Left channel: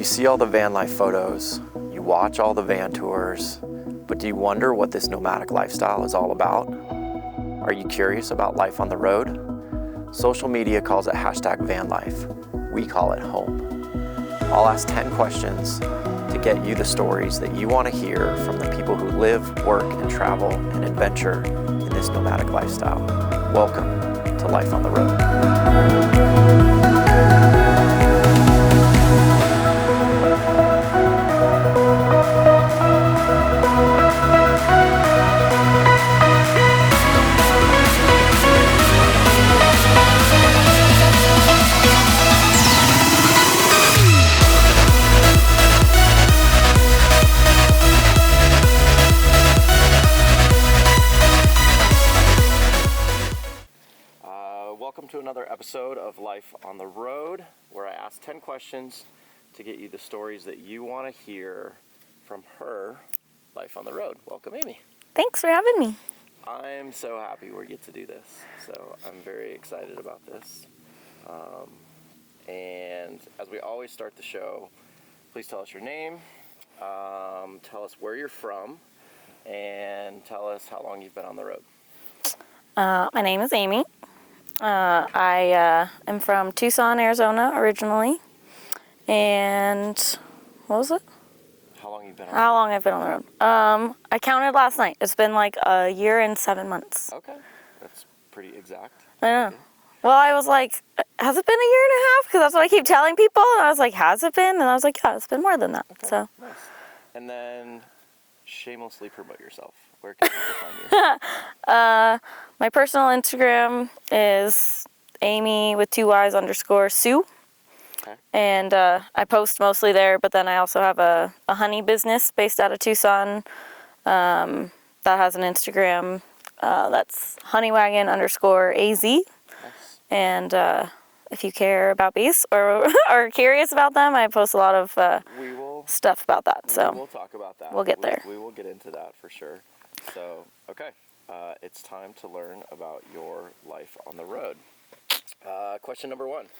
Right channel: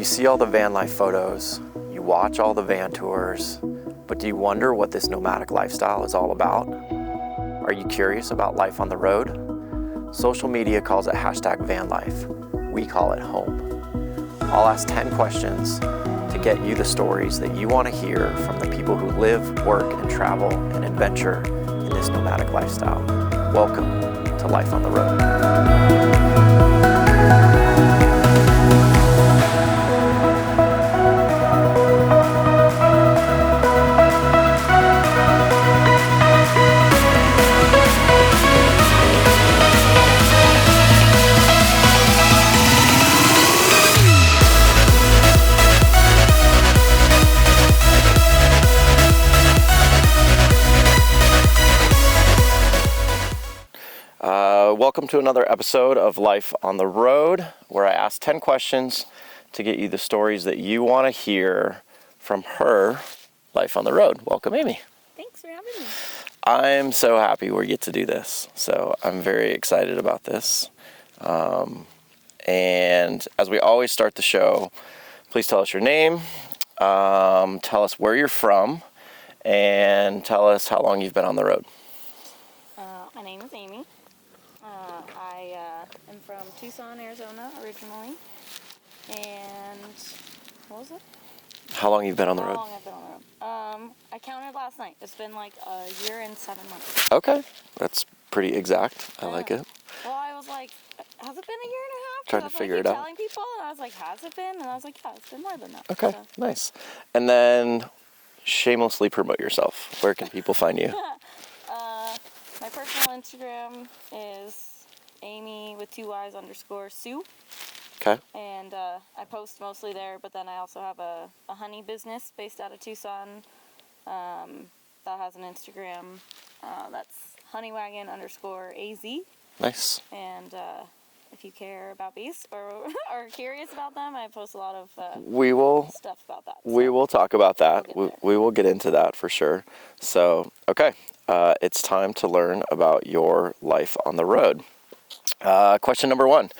You see all the van life photos, you watch all the van tours, but do you wonder what this nomadic lifestyle is all about? Are you curious about life on the road? Social media calls it #vanlife. We call it home. I'll ask 10 questions to get you the stories that you want to hear from the people who live, work, and travel and adventure in this nomadic lifestyle. Welcome to Life on the Road. Welcome to another episode of Life on the Road, where I ask 10 questions to get you the stories that you want to hear from her life on the road. Welcome, Amy. Thanks for having me. I'm so happy we get to do this. So I'm very excited about this. And as we always start the show, please tell us your name, tell us where you're from, and tell us how long you've been on the road. My name is Amy. I am from Tucson, Arizona originally. And what was it? How long you've been on the road? How long I've been on the road. I counted last night. It's been like a year and 7 months. Okay. That's pretty exact. I like it. Well, I was like, has it been a year and a half? Because that's what I keep telling people. And I was like, has it been? And I was like, yeah, it's been more than that. Okay, so. Nice. And then shamelessly promote yourself. Where can people find you? My personal Instagram is Amy with 2 Y's _ Sue. Okay. And I post mostly there, but then I also have a honey business based out of Tucson that has an Instagram that's honeywagon _ AZ. Nice. And if you care about bees or are curious about them, I post a lot of stuff about that. So we will talk about that. We'll get there. We will get into that for sure. So, okay. It's time to learn about your life on the road. Question number 1.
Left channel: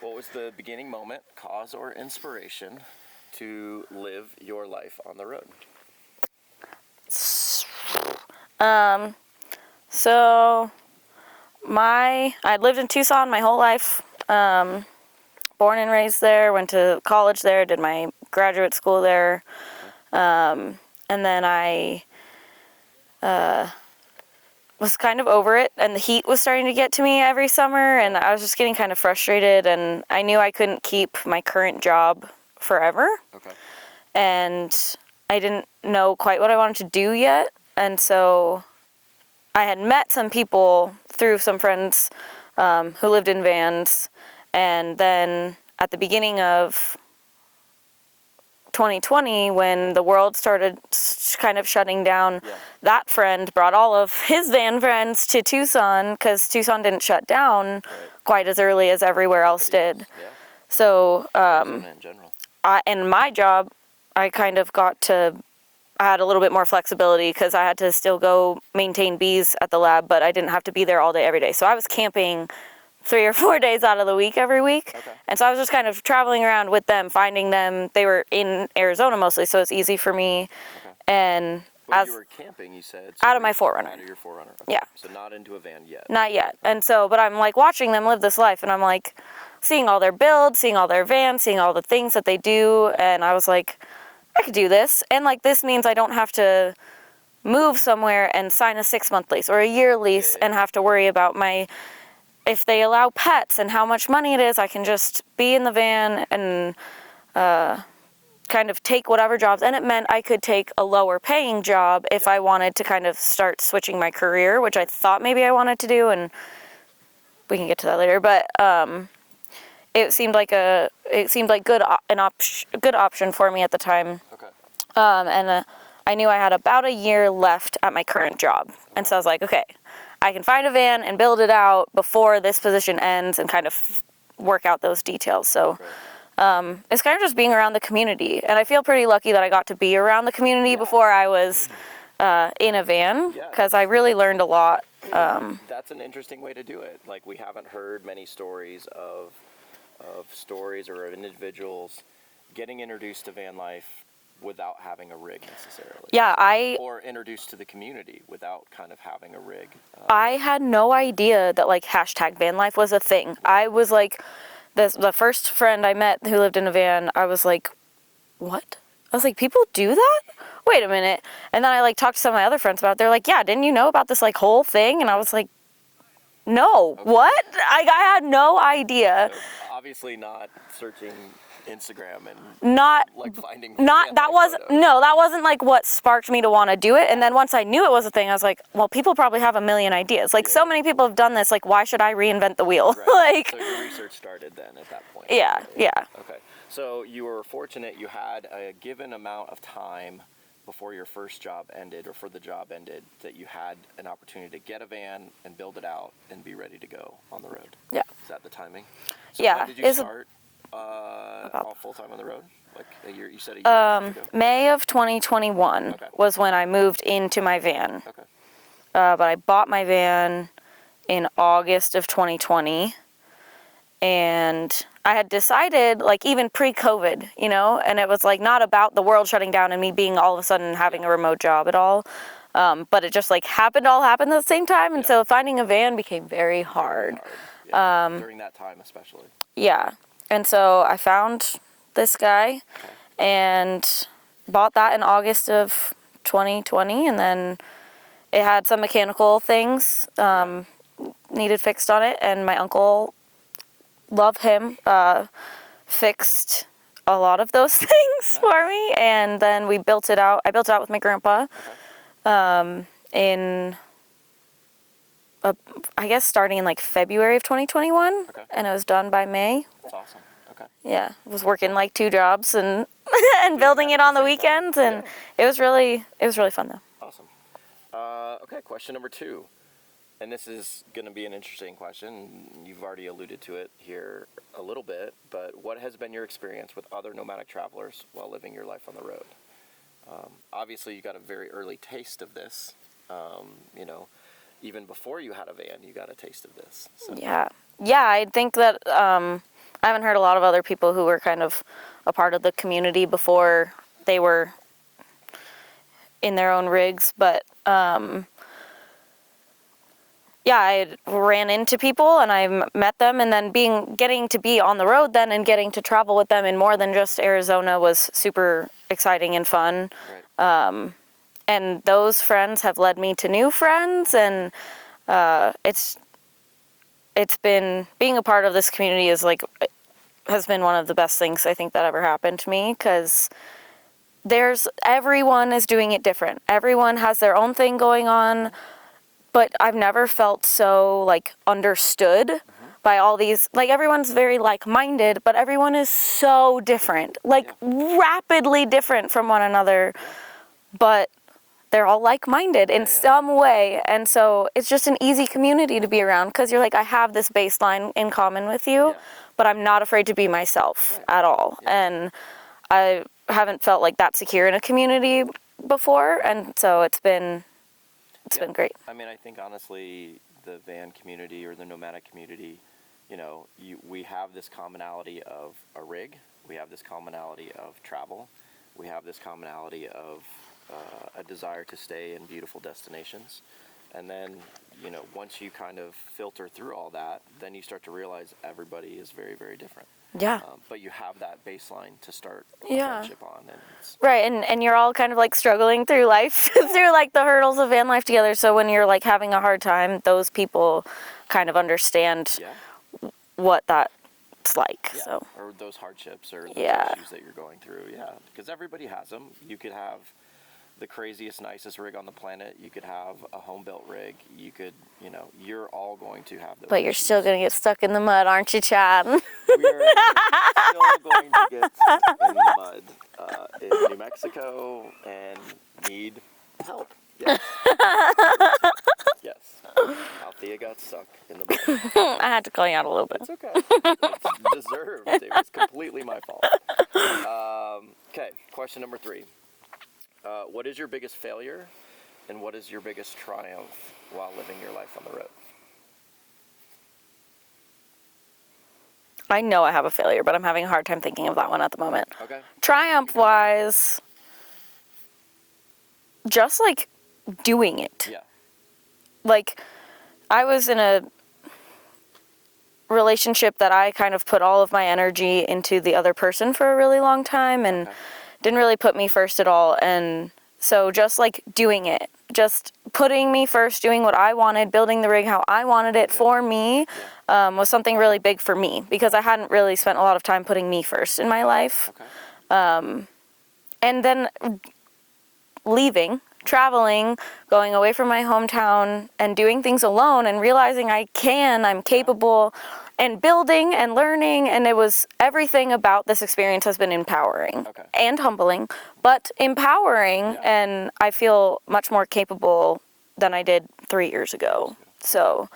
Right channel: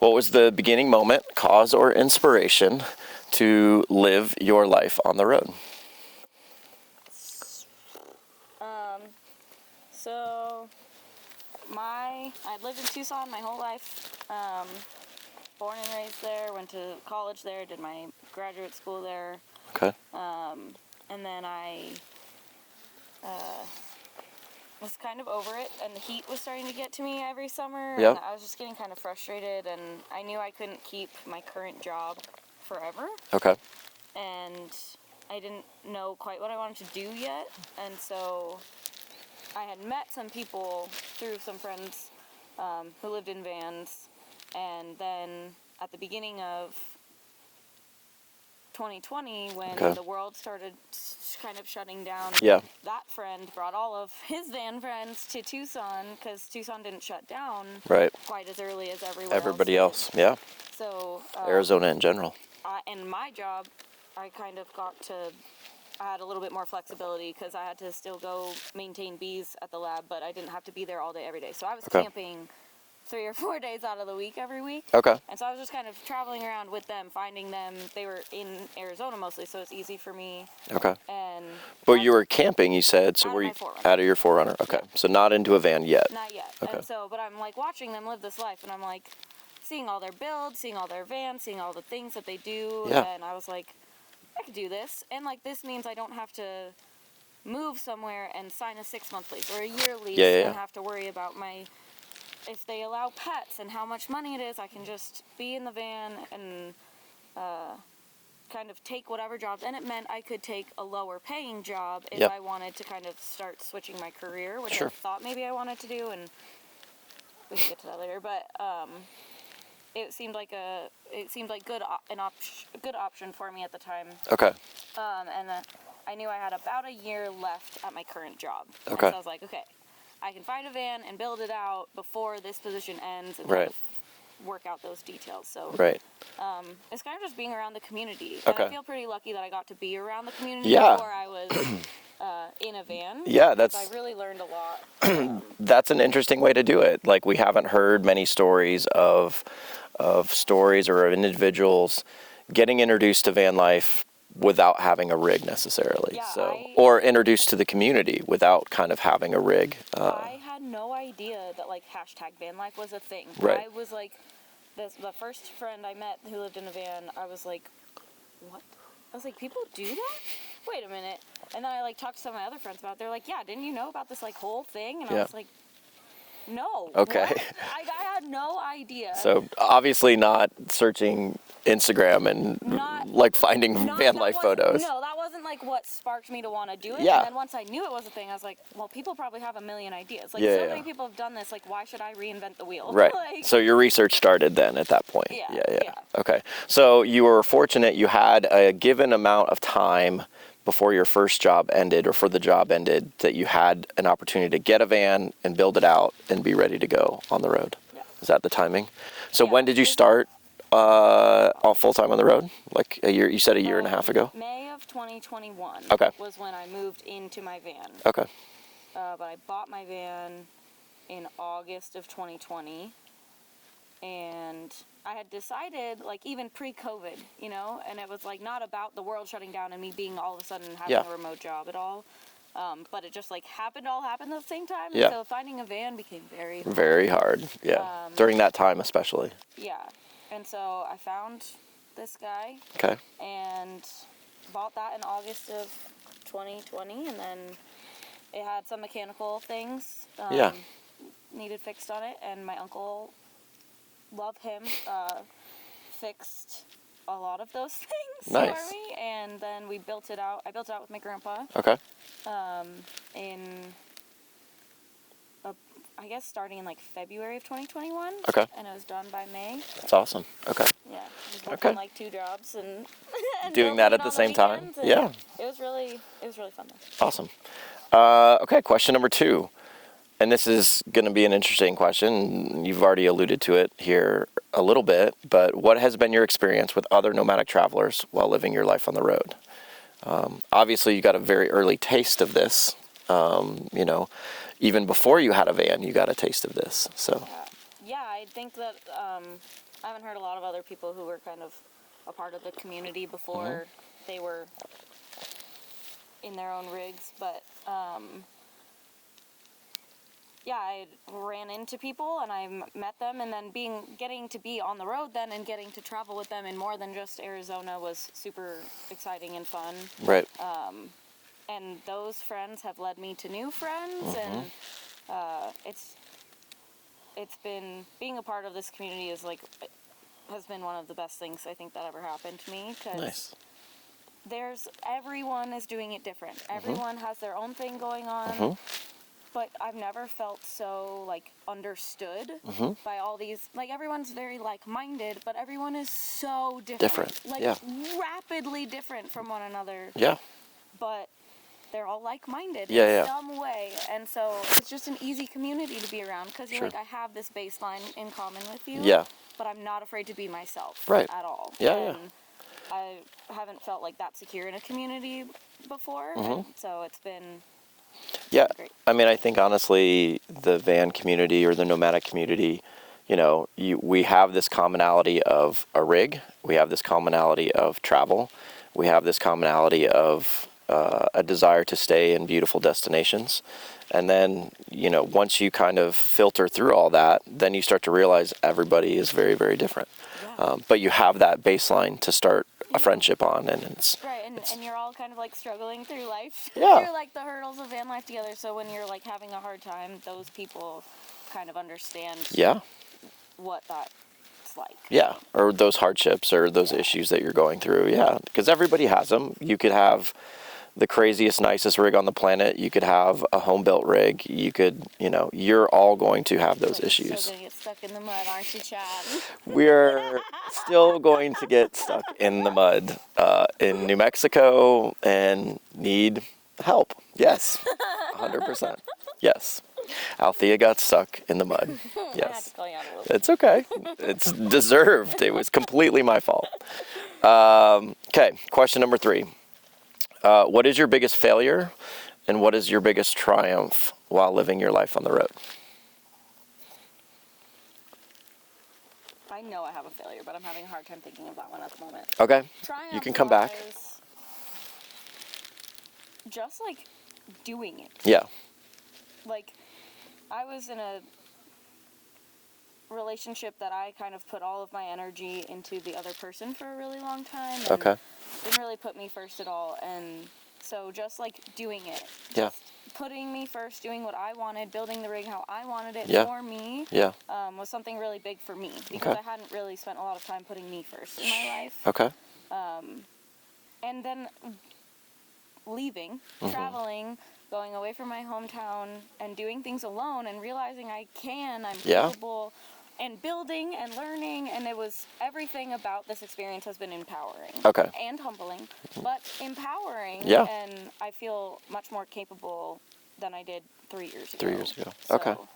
What was the beginning moment, cause, or inspiration to live your life on the road? So I lived in Tucson my whole life. Born and raised there, went to college there, did my graduate school there. Okay. And then I was kind of over it, and the heat was starting to get to me every summer, and I was just getting kind of frustrated, and I knew I couldn't keep my current job forever. Okay. And I didn't know quite what I wanted to do yet, and so I had met some people through some friends who lived in vans, and then at the beginning of 2020, when the world started kind of shutting down, that friend brought all of his van friends to Tucson because Tucson didn't shut down quite as early as everybody else did. Yeah. So Arizona in general. In my job, I kind of I had a little bit more flexibility because I had to still go maintain bees at the lab, but I didn't have to be there all day every day. So I was camping 3 or 4 days out of the week every week. Okay. And so I was just kind of traveling around with them, finding them. They were in Arizona mostly, so it's easy for me. Okay. But you were camping, you said. So out of my 4Runner. Out of your 4Runner. Okay. Yeah. So not into a van yet. Not yet. Okay. And so, but I'm like watching them live this life, and I'm like seeing all their builds, seeing all their vans, seeing all the things that they do, and I was like, I could do this. And like this means I don't have to move somewhere and sign a 6-month lease or a year lease and have to worry about if they allow pets and how much money it is. I can just be in the van and kind of take whatever jobs. And it meant I could take a lower paying job if I wanted to kind of start switching my career, which I thought maybe I wanted to do. And we can get to that later. But it seemed like a good option for me at the time. Okay. And I knew I had about a year left at my current job. Okay. And so I was like, okay, I can find a van and build it out before this position ends and kind of work out those details. So it's kind of just being around the community. And I feel pretty lucky that I got to be around the community before I was in a van. Yeah. Because I really learned a lot. That's an interesting way to do it. Like, we haven't heard many stories of stories or individuals getting introduced to van life without having a rig necessarily. Yeah, or introduced to the community without kind of having a rig. I had no idea that like hashtag van life was a thing. Right. I was like, the first friend I met who lived in a van, I was like, what? I was like, people do that? Wait a minute. And then I like talked to some of my other friends about it. They're like, yeah, didn't you know about this like whole thing? And I was like, no, Okay. what? I had no idea. So obviously not searching Instagram and Not like finding van that life wasn't photos. no, that wasn't like what sparked me to want to do it. Yeah. And then once I knew it was a thing, I was like, well, people probably have a million ideas. Like so many people have done this. Like, why should I reinvent the wheel? Right. Like, so your research started then at that point. Yeah. Okay. So you were fortunate you had a given amount of time before your first job ended or for the job ended that you had an opportunity to get a van and build it out and be ready to go on the road. Yeah. Is that the timing? So Yeah. when did you start all full time on the road? Like a year, you said a year and a half ago? May of 2021 was when I moved into my van. Okay. But I bought my van in August of 2020. And I had decided, like, even pre-COVID, you know, and it was, like, not about the world shutting down and me being all of a sudden having a remote job at all. But it just, like, all happened at the same time. And so finding a van became very hard. Very hard, yeah. During that time especially. Yeah. And so I found this guy. Okay. And bought that in August of 2020. And then it had some mechanical things needed fixed on it. And my uncle... love him, fixed a lot of those things for me, and then we built it out. I built it out with my grandpa. Okay. I guess starting in like February of 2021. Okay. And it was done by May. That's awesome. Okay. Yeah, I was working like 2 jobs and and Doing building that it at on the the same time. weekends, and it was really fun though. Awesome. Okay, question number 2. And this is going to be an interesting question. You've already alluded to it here a little bit, but what has been your experience with other nomadic travelers while living your life on the road? Obviously, you got a very early taste of this. You know, even before you had a van, you got a taste of this. So Yeah, I think that I haven't heard a lot of other people who were kind of a part of the community before they were in their own rigs, but I ran into people and I met them, and then getting to be on the road then and getting to travel with them in more than just Arizona was super exciting and fun. Right. And those friends have led me to new friends, and it's been, being a part of this community has been one of the best things I think that ever happened to me, because everyone is doing it different. Everyone has their own thing going on. But I've never felt so, like, understood by all these, like, everyone's very like-minded, but everyone is so different. Rapidly different from one another. Yeah. But they're all like-minded in some way. And so it's just an easy community to be around, because you're like, I have this baseline in common with you, but I'm not afraid to be myself at all. And I haven't felt like that secure in a community before, and so it's been... It's been great. I mean, I think honestly, the van community or the nomadic community, you know, we have this commonality of a rig. We have this commonality of travel. We have this commonality of a desire to stay in beautiful destinations. And then, you know, once you kind of filter through all that, then you start to realize everybody is very, very different. Yeah. But you have that baseline to start a friendship on, and it's right. And you're all kind of like struggling through life, through like the hurdles of van life together. So when you're like having a hard time, those people kind of understand what that's like. Yeah. So. Or those hardships or those issues that you're going through. Yeah. Because everybody has them. You could have the craziest, nicest rig on the planet. You could have a home-built rig. You could, you know, you're all going to have those but issues. You're still going to get stuck in the mud, aren't you, Chad? We're still going to get stuck in the mud in New Mexico and need help. Yes. 100%. Yes. Althea got stuck in the mud. Yes. I had to call you out a little bit. It's okay. It's deserved. It was completely my fault. Okay. Question number 3. What is your biggest failure, and what is your biggest triumph while living your life on the road? I know I have a failure, but I'm having a hard time thinking of that one at the moment. Okay. Triumph-wise, just like doing it. Yeah. Like, I was in a relationship that I kind of put all of my energy into the other person for a really long time and didn't really put me first at all. And so just like doing it, just putting me first, doing what I wanted, building the rig how I wanted it for me, was something really big for me because I hadn't really spent a lot of time putting me first in my life. Okay. And then leaving, traveling, going away from my hometown and doing things alone and realizing I'm capable and building and learning, and it was everything about this experience has been empowering and humbling, but empowering, and I feel much more capable than I did 3 years ago. So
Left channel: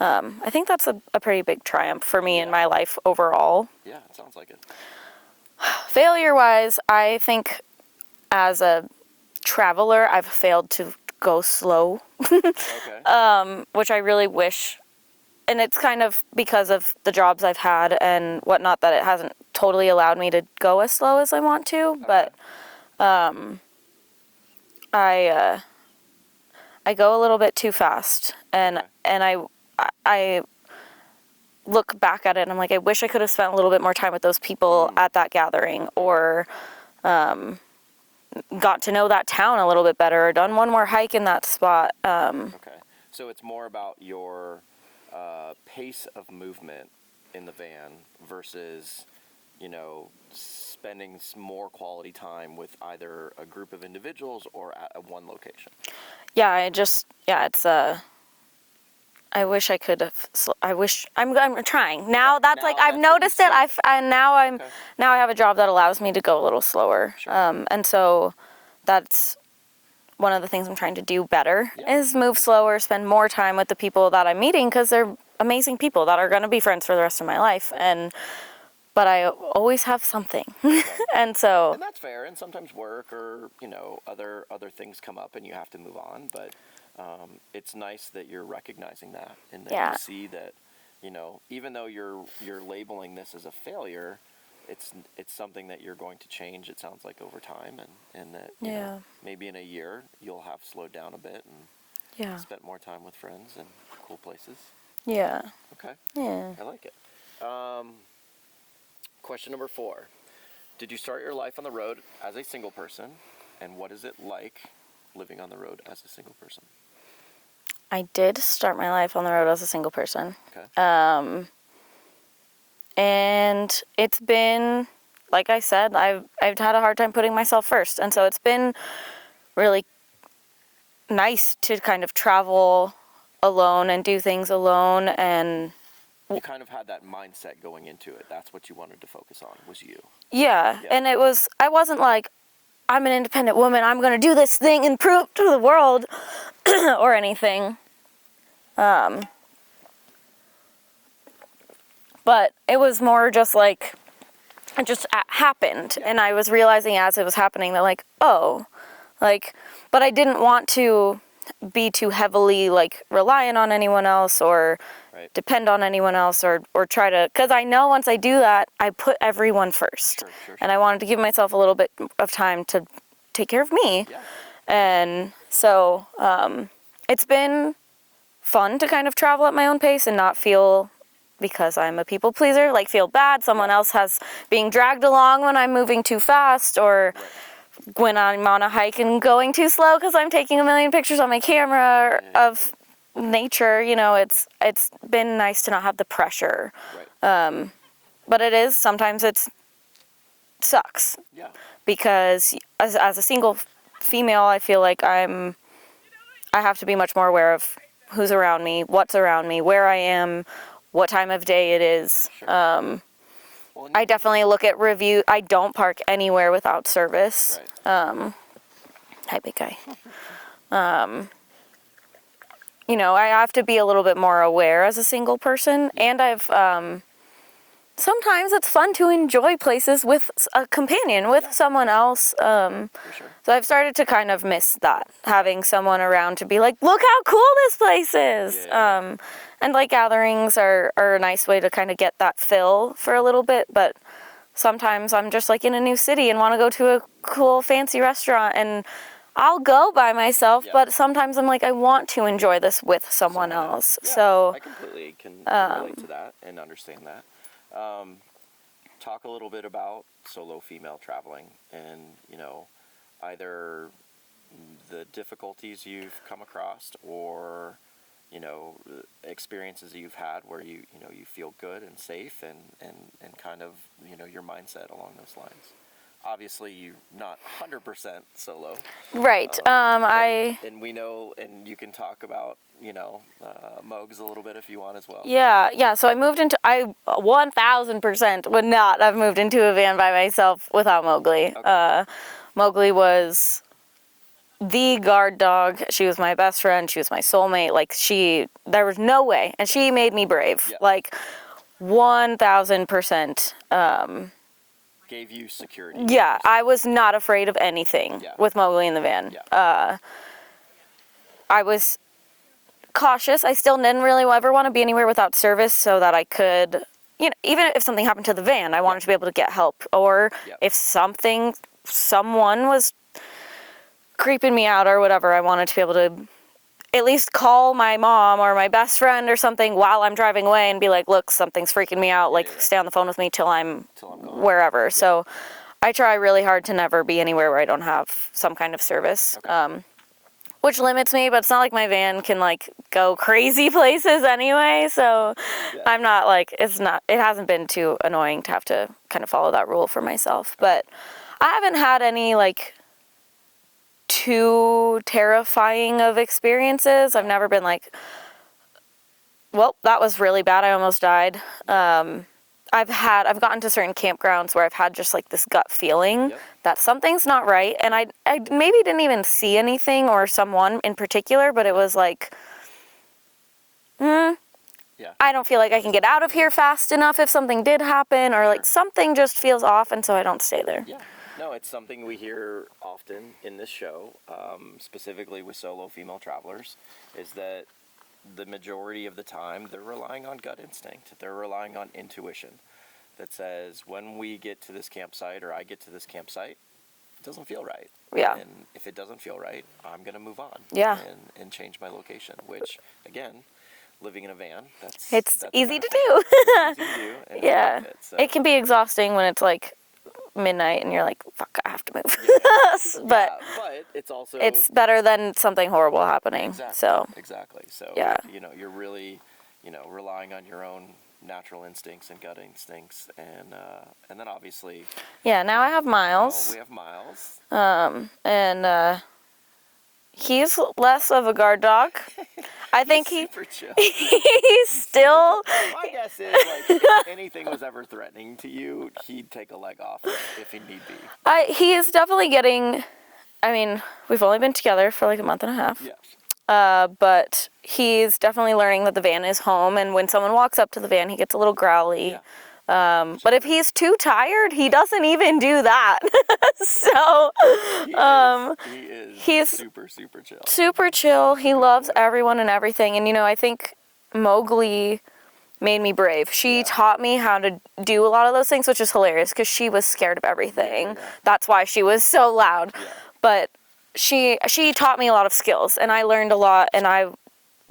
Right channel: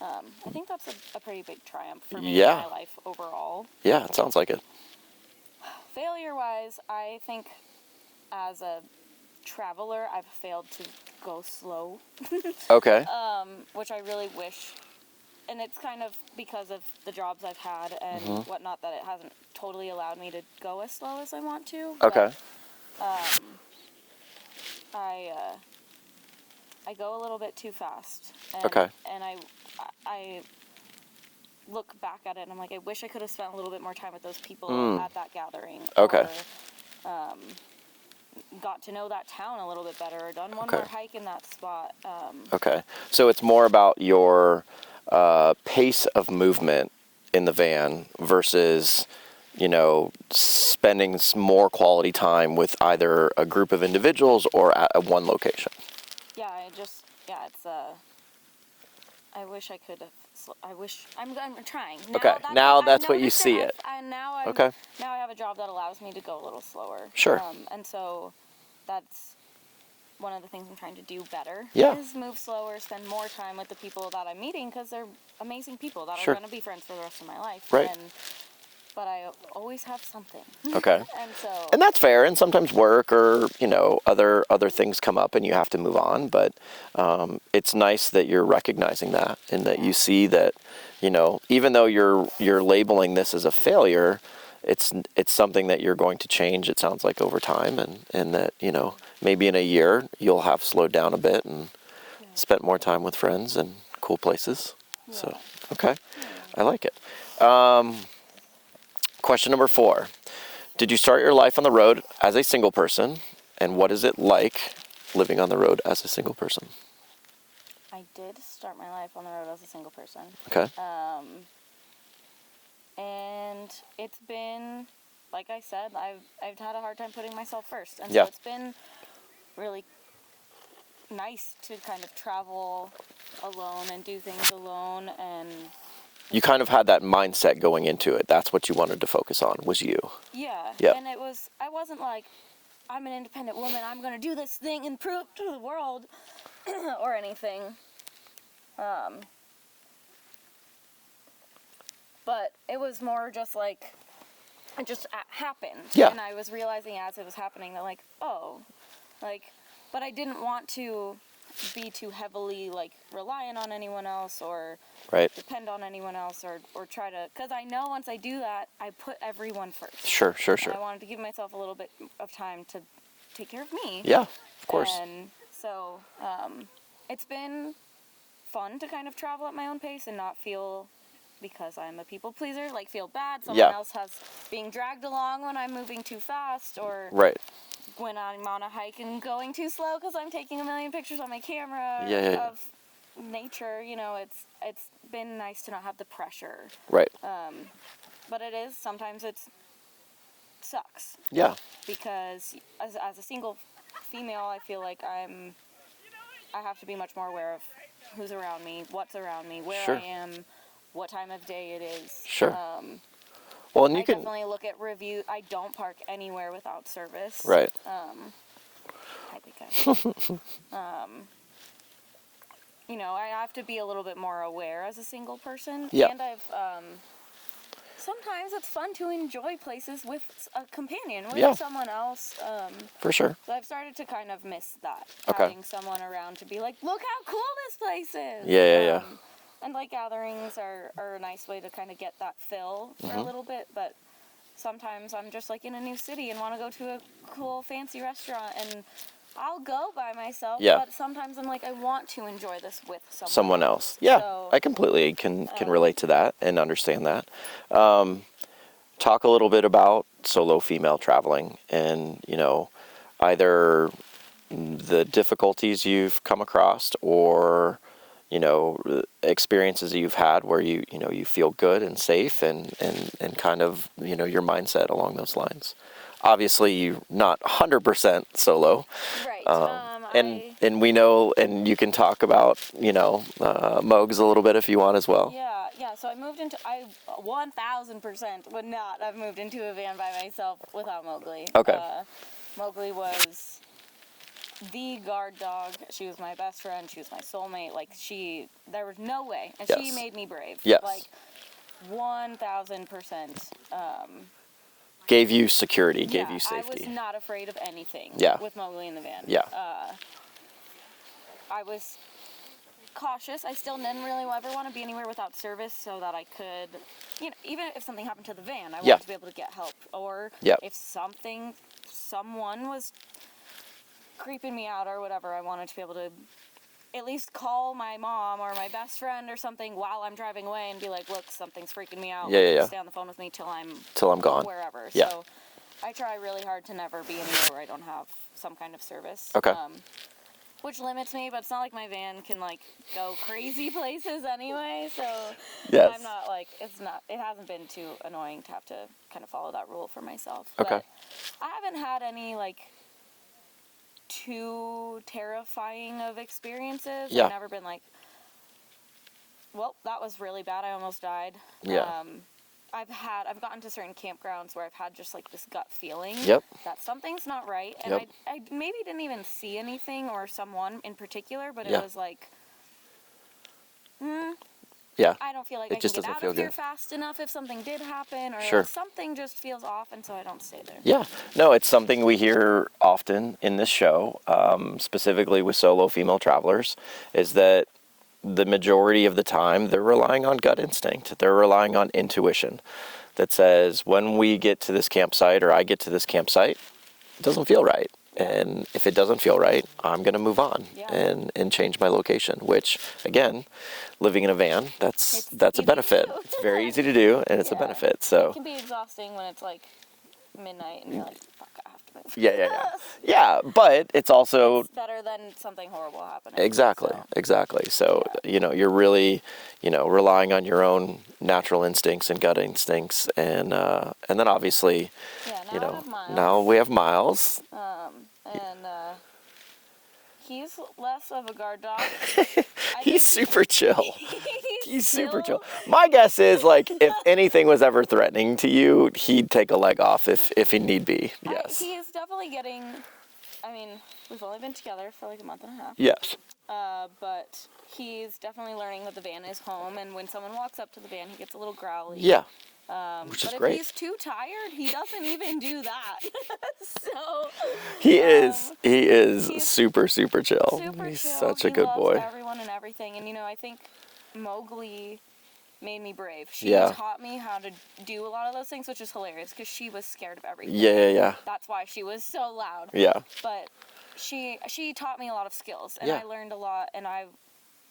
I think that's a pretty big triumph for me in my life overall. Yeah, it sounds like it. Failure-wise, I think as a traveler, I've failed to go slow. Which I really wish, and it's kind of because of the jobs I've had and whatnot that it hasn't totally allowed me to go as slow as I want to. But I go a little bit too fast, and I look back at it and I'm like, I wish I could have spent a little bit more time with those people at that gathering, or got to know that town a little bit better, or done one more hike in that spot. So it's more about your pace of movement in the van versus, spending more quality time with either a group of individuals or at one location. It's I wish I could have. I'm trying now. That's like I've noticed it. Now I have a job that allows me to go a little slower. Sure. And so that's one of the things I'm trying to do better is move slower, spend more time with the people that I'm meeting, because they're amazing people that are going to be friends for the rest of my life. Right. But I always have something. And that's fair. And sometimes work or, other things come up and you have to move on. But it's nice that you're recognizing that and that you see that, even though you're labeling this as a failure, it's something that you're going to change, it sounds like, over time. And that, maybe in a year you'll have slowed down a bit and spent more time with friends and cool places. Yeah. So, I like it. Question number 4. Did you start your life on the road as a single person? And what is it like living on the road as a single person? I did start my life on the road as a single person. Okay. And it's been, like I said, I've had a hard time putting myself first. And so it's been really nice to kind of travel alone and do things alone. And you kind of had that mindset going into it. That's what you wanted to focus on, was you. Yeah. And I wasn't like, I'm an independent woman, I'm going to do this thing and prove to the world or anything. But it was more just like, it just happened. Yeah. And I was realizing as it was happening that but I didn't want to be too heavily reliant on anyone else or depend on anyone else or try to, because I know once I do that, I put everyone first. Sure. And I wanted to give myself a little bit of time to take care of me. Yeah, of course. And so it's been fun to kind of travel at my own pace and not feel, because I'm a people pleaser, feel bad someone else has being dragged along when I'm moving too fast, or when I'm on a hike and going too slow because I'm taking a million pictures on my camera of nature. It's been nice to not have the pressure. Right. But sometimes it sucks. Yeah. Because as a single female, I feel like I have to be much more aware of who's around me, what's around me, where I am, what time of day it is. Sure. I definitely look at review. I don't park anywhere without service. Right. Hi, big guy. I have to be a little bit more aware as a single person. Yeah. And I've, sometimes it's fun to enjoy places with a companion, with someone else. For sure. So I've started to kind of miss that, having someone around to be like, look how cool this place is. And like gatherings are a nice way to kind of get that fill for a little bit, but sometimes I'm just like in a new city and want to go to a cool fancy restaurant, and I'll go by myself, but sometimes I'm like, I want to enjoy this with someone else. Yeah, so I completely can relate to that and understand that. Talk a little bit about solo female traveling and, either the difficulties you've come across or, experiences that you've had where you feel good and safe and kind of, your mindset along those lines. Obviously, you're not 100% solo. Right. And we know, and you can talk about, Mogs a little bit if you want as well. Yeah. So I 1,000% would not have moved into a van by myself without Mowgli. Okay. Mowgli was the guard dog. She was my best friend. She was my soulmate. Like, there was no way. And she made me brave. Yes. Like, 1,000%. Gave you security. Yeah, I was not afraid of anything with Mowgli in the van. Yeah. I was cautious. I still didn't really ever want to be anywhere without service so that I could, even if something happened to the van, I wanted to be able to get help. Or if someone was creeping me out or whatever, I wanted to be able to at least call my mom or my best friend or something while I'm driving away and be like, look, something's freaking me out. Stay on the phone with me till I'm gone. Wherever. Yeah. So I try really hard to never be anywhere where I don't have some kind of service. Okay. Which limits me, but it's not like my van can go crazy places anyway. So I'm not it hasn't been too annoying to have to kind of follow that rule for myself. Okay. But I haven't had any too terrifying of experiences. Yeah. I've never been like, well, that was really bad. I almost died. Yeah. I've gotten to certain campgrounds where I've had just this gut feeling that something's not right. And I maybe didn't even see anything or someone in particular, but it was I don't feel like I can get out of here fast enough if something did happen, or something just feels off, and so I don't stay there. Yeah. No, it's something we hear often in this show, specifically with solo female travelers, is that the majority of the time they're relying on gut instinct. They're relying on intuition that says, when we get to this campsite or I get to this campsite, it doesn't feel right. Yeah. And if it doesn't feel right, I'm going to move on and change my location, which, again, living in a van, that's a benefit. It's very easy to do, and it's a benefit. So it can be exhausting when it's midnight and you're like, fuck, I have to move. Yeah. But it's also... It's better than something horrible happening. Exactly. So, you're really, relying on your own natural instincts and gut instincts, and then obviously... Yeah, now I have Miles. Now we have Miles. And he's less of a guard dog. I think he's super chill. He's still... Super chill. My guess is, if anything was ever threatening to you, he'd take a leg off if he need be. Yes. He is definitely getting... I mean, we've only been together for a month and a half. Yes. But he's definitely learning that the van is home, and when someone walks up to the van, he gets a little growly. Yeah. But if he's too tired, he doesn't even do that. So he's super, super chill. Super chill. He loves everyone and everything. And I think Mowgli made me brave. She taught me how to do a lot of those things, which is hilarious because she was scared of everything. Yeah. That's why she was so loud. Yeah. But she taught me a lot of skills, and I learned a lot, and I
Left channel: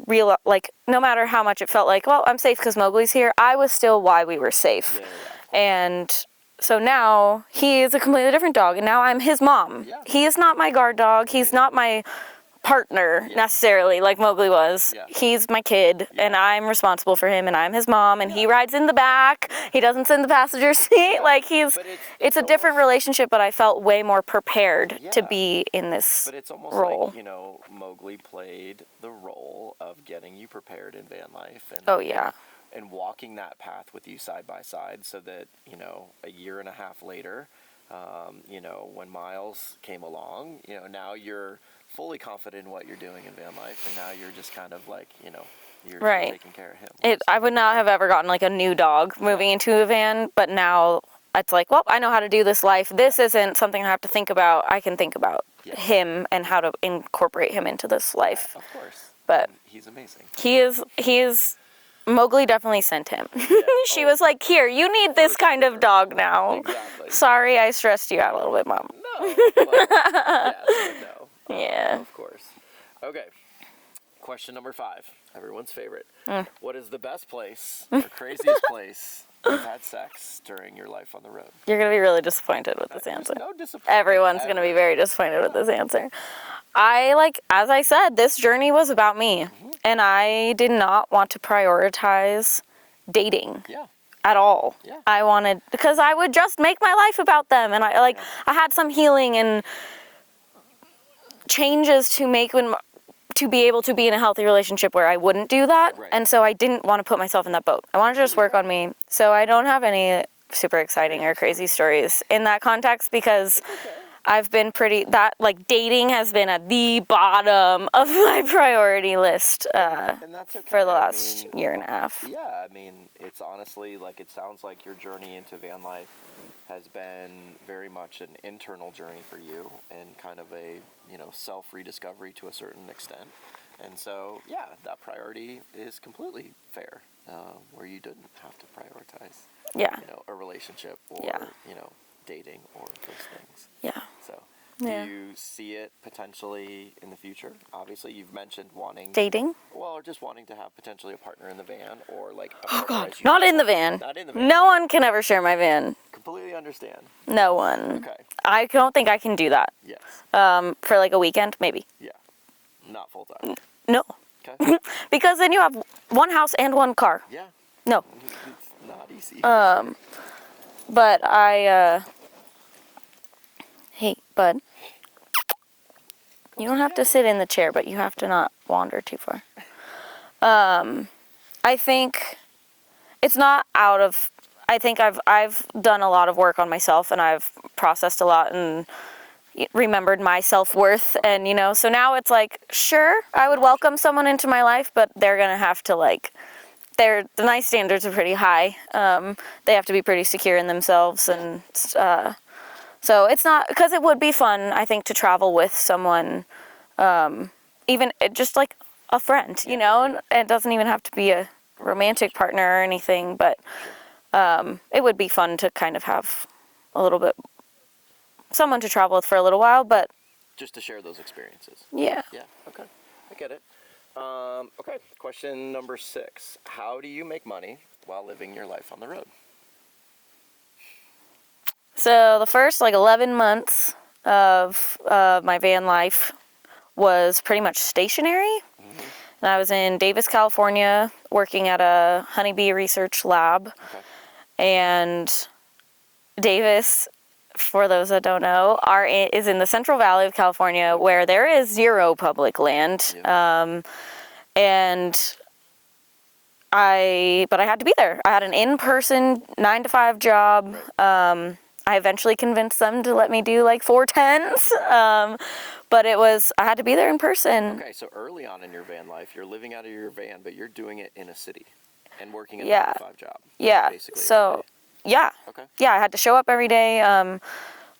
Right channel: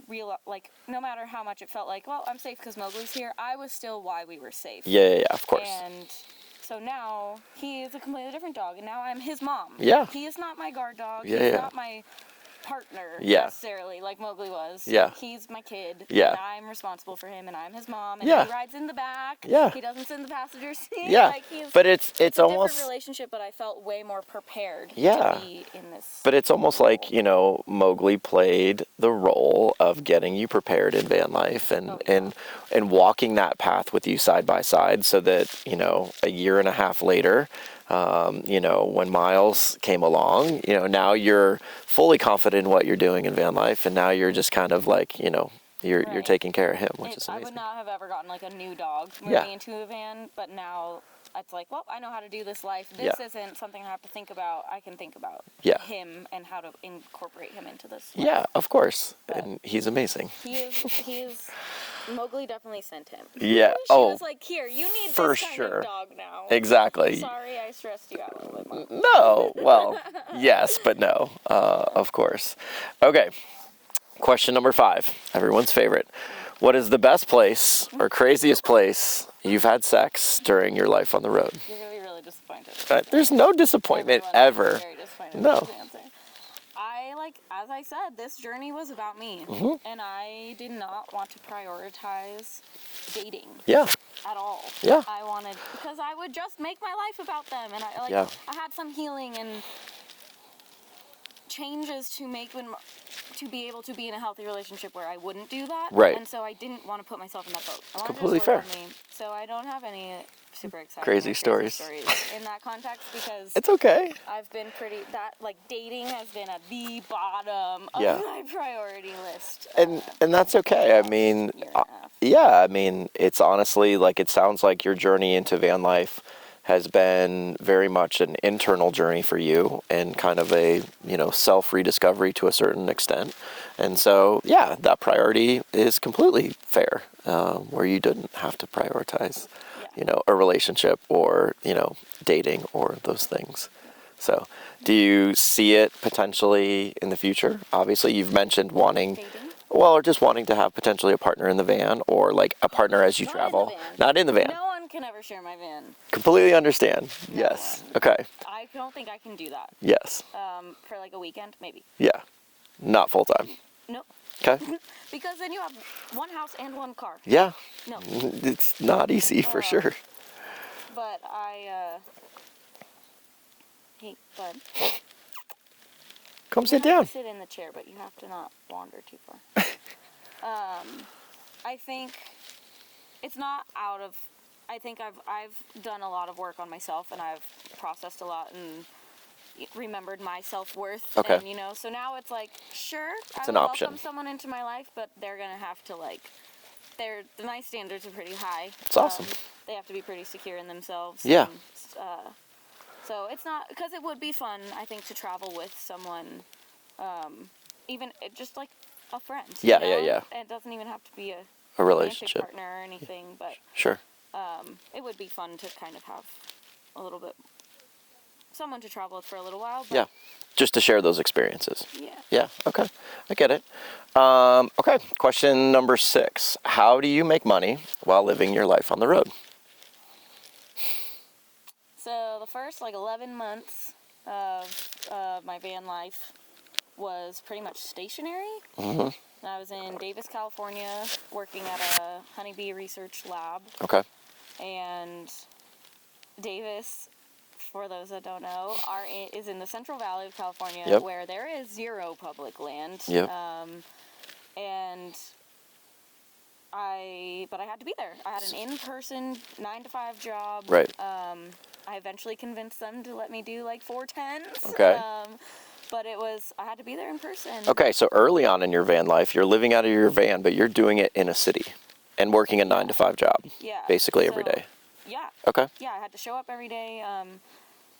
realized, no matter how much it felt well, I'm safe because Mowgli's here, I was still why we were safe. Yeah, of course. And so now he is a completely different dog, and now I'm his mom. Yeah. He is not my guard dog. He's not my partner necessarily like Mowgli was. Yeah. He's my kid, and I'm responsible for him, and I'm his mom, and he rides in the back. Yeah. He doesn't sit in the passenger seat. Yeah. But it's a almost, different relationship, but I felt way more prepared to be in this But it's almost role. like, Mowgli played the role of getting you prepared in van life and walking that path with you side by side so that, a year and a half later, when Miles came along, now you're fully confident in what you're doing in van life, and now you're just kind of you're taking care of him. I would not have ever gotten a new dog moving into a van, but now it's like, well, I know how to do this life. This isn't something I have to think about. I can think about him and how to incorporate him into this life. Yeah, of course. But and he's amazing. He is. Mowgli definitely sent him. Yeah. She was like, here, you need this kind of dog now. Exactly. Sorry, I stressed you out a little bit, Mom. No. Well, yes, but no. Of course. Okay. Question number 5. Everyone's favorite. What is the best place or craziest place you've had sex during your life on the road? You're going to be really disappointed with this answer. There's no disappointment. Everyone's going to be very disappointed with this answer. As I said, this journey was about me. And I did not want to prioritize dating. Yeah. At all. Yeah. Because I would just make my life about them. And I had some healing and changes to make to be able to be in a healthy relationship where I wouldn't do that. Right. And so I didn't want to put myself in that boat. I wanted to just work on me. So I don't have any super exciting or crazy stories in that context because it's okay. I've been dating has been at the bottom of my priority list. And that's okay. For the last year and a half. Yeah, I mean, it's honestly it sounds like your journey into van life has been very much an internal journey for you and kind of a, self-rediscovery to a certain extent. And so, that priority is completely fair, where you didn't have to prioritize, a relationship or, dating or those things. Yeah. So, do you see it potentially in the future? Obviously, you've mentioned wanting... Dating? Well, or just wanting to have potentially a partner in the van or a partner as you Not travel. in the van. Not in the van. No one can ever share my van. Completely understand. No yes. one. Okay. I don't think I can do that. Yes. For a weekend, maybe. Yeah. Not full time. No. Okay. Because then you have one house and one car. Yeah. No. It's not easy for sure. But hey, bud. Come you sit don't have down. to sit in the chair, but you have to not wander too far. I think it's not out of... I think I've done a lot of work on myself, and I've processed a lot and remembered my self-worth. Okay. And, so now it's sure, I would welcome someone into my life, but they're going to have to, the nice standards are pretty high. Awesome. They have to be pretty secure in themselves. Yeah. And, so it's not... Because it would be fun, I think, to travel with someone, even just a friend, Yeah. And it doesn't even have to be a romantic partner or anything, but... Sure. It would be fun to kind of have a little bit... someone to travel with for a little while, but... Just to share those experiences. Yeah. Yeah, okay. I get it. Okay, question number 6. How do you make money while living your life on the road? So the first 11 months of my van life was pretty much stationary. And I was in Davis, California, working at a honeybee research lab. Okay. And Davis, for those that don't know, is in the Central Valley of California, where there is 0 public land. Yep. But I had to be there. I had an in-person 9-to-5 job. Right. I eventually convinced them to let me do 4/10s. Okay. But I had to be there in person. Okay, so early on in your van life, you're living out of your van, but you're doing it in a city and working a 9-to-5 job. Yeah. Basically every day. Yeah. Okay. Yeah, I had to show up every day.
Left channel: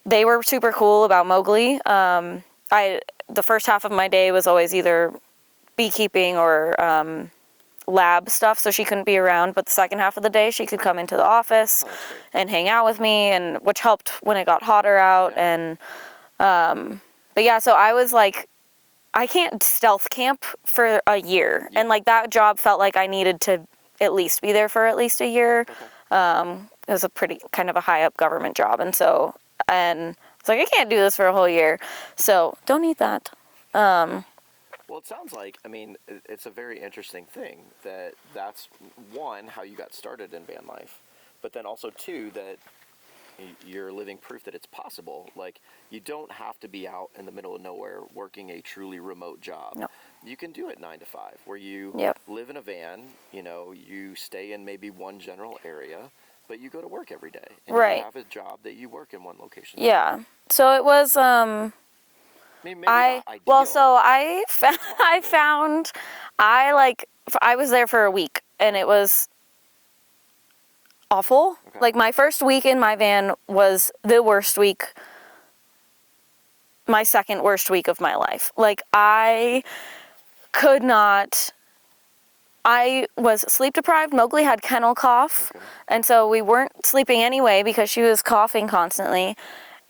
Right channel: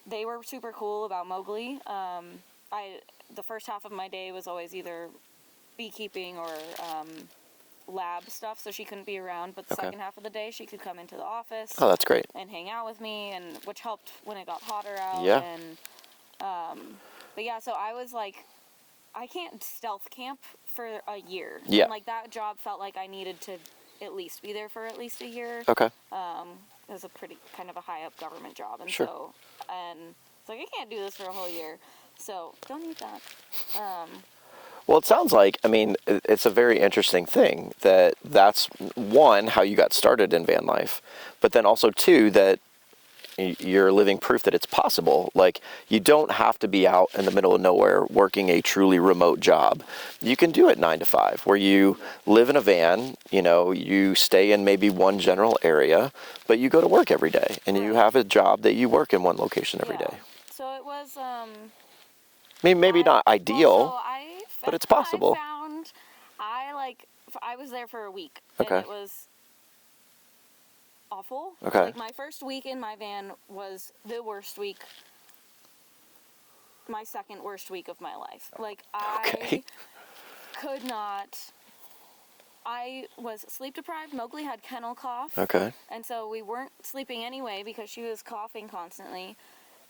They were super cool about Mowgli. The first half of my day was always either beekeeping or lab stuff, so she couldn't be around. But the second half of the day, she could come into the office. Oh, that's great. And hang out with me, which helped when it got hotter out. Yeah. And but yeah, so I was I can't stealth camp for a year, and that job felt like I needed to at least be there for at least a year. Okay. It was a pretty kind of a high up government job, and so it's I can't do this for a whole year, so don't need that. Well, it sounds like, it's a very interesting thing that's one, how you got started in van life, but then also two, that you're living proof that it's possible. You don't have to be out in the middle of nowhere working a truly remote job. No. You can do it 9 to 5, where you live in a van, you stay in maybe one general area, but you go to work every day, and you have a job that you work in one location every day. So it was... maybe not ideal. Well, so I it's possible. I was there for a week, and it was... awful. Okay. Like, my first week in my van was the worst week, my second worst week of my life. Like, I could not, I was sleep deprived. Mowgli had kennel cough. Okay. And so we weren't sleeping anyway because she was coughing constantly.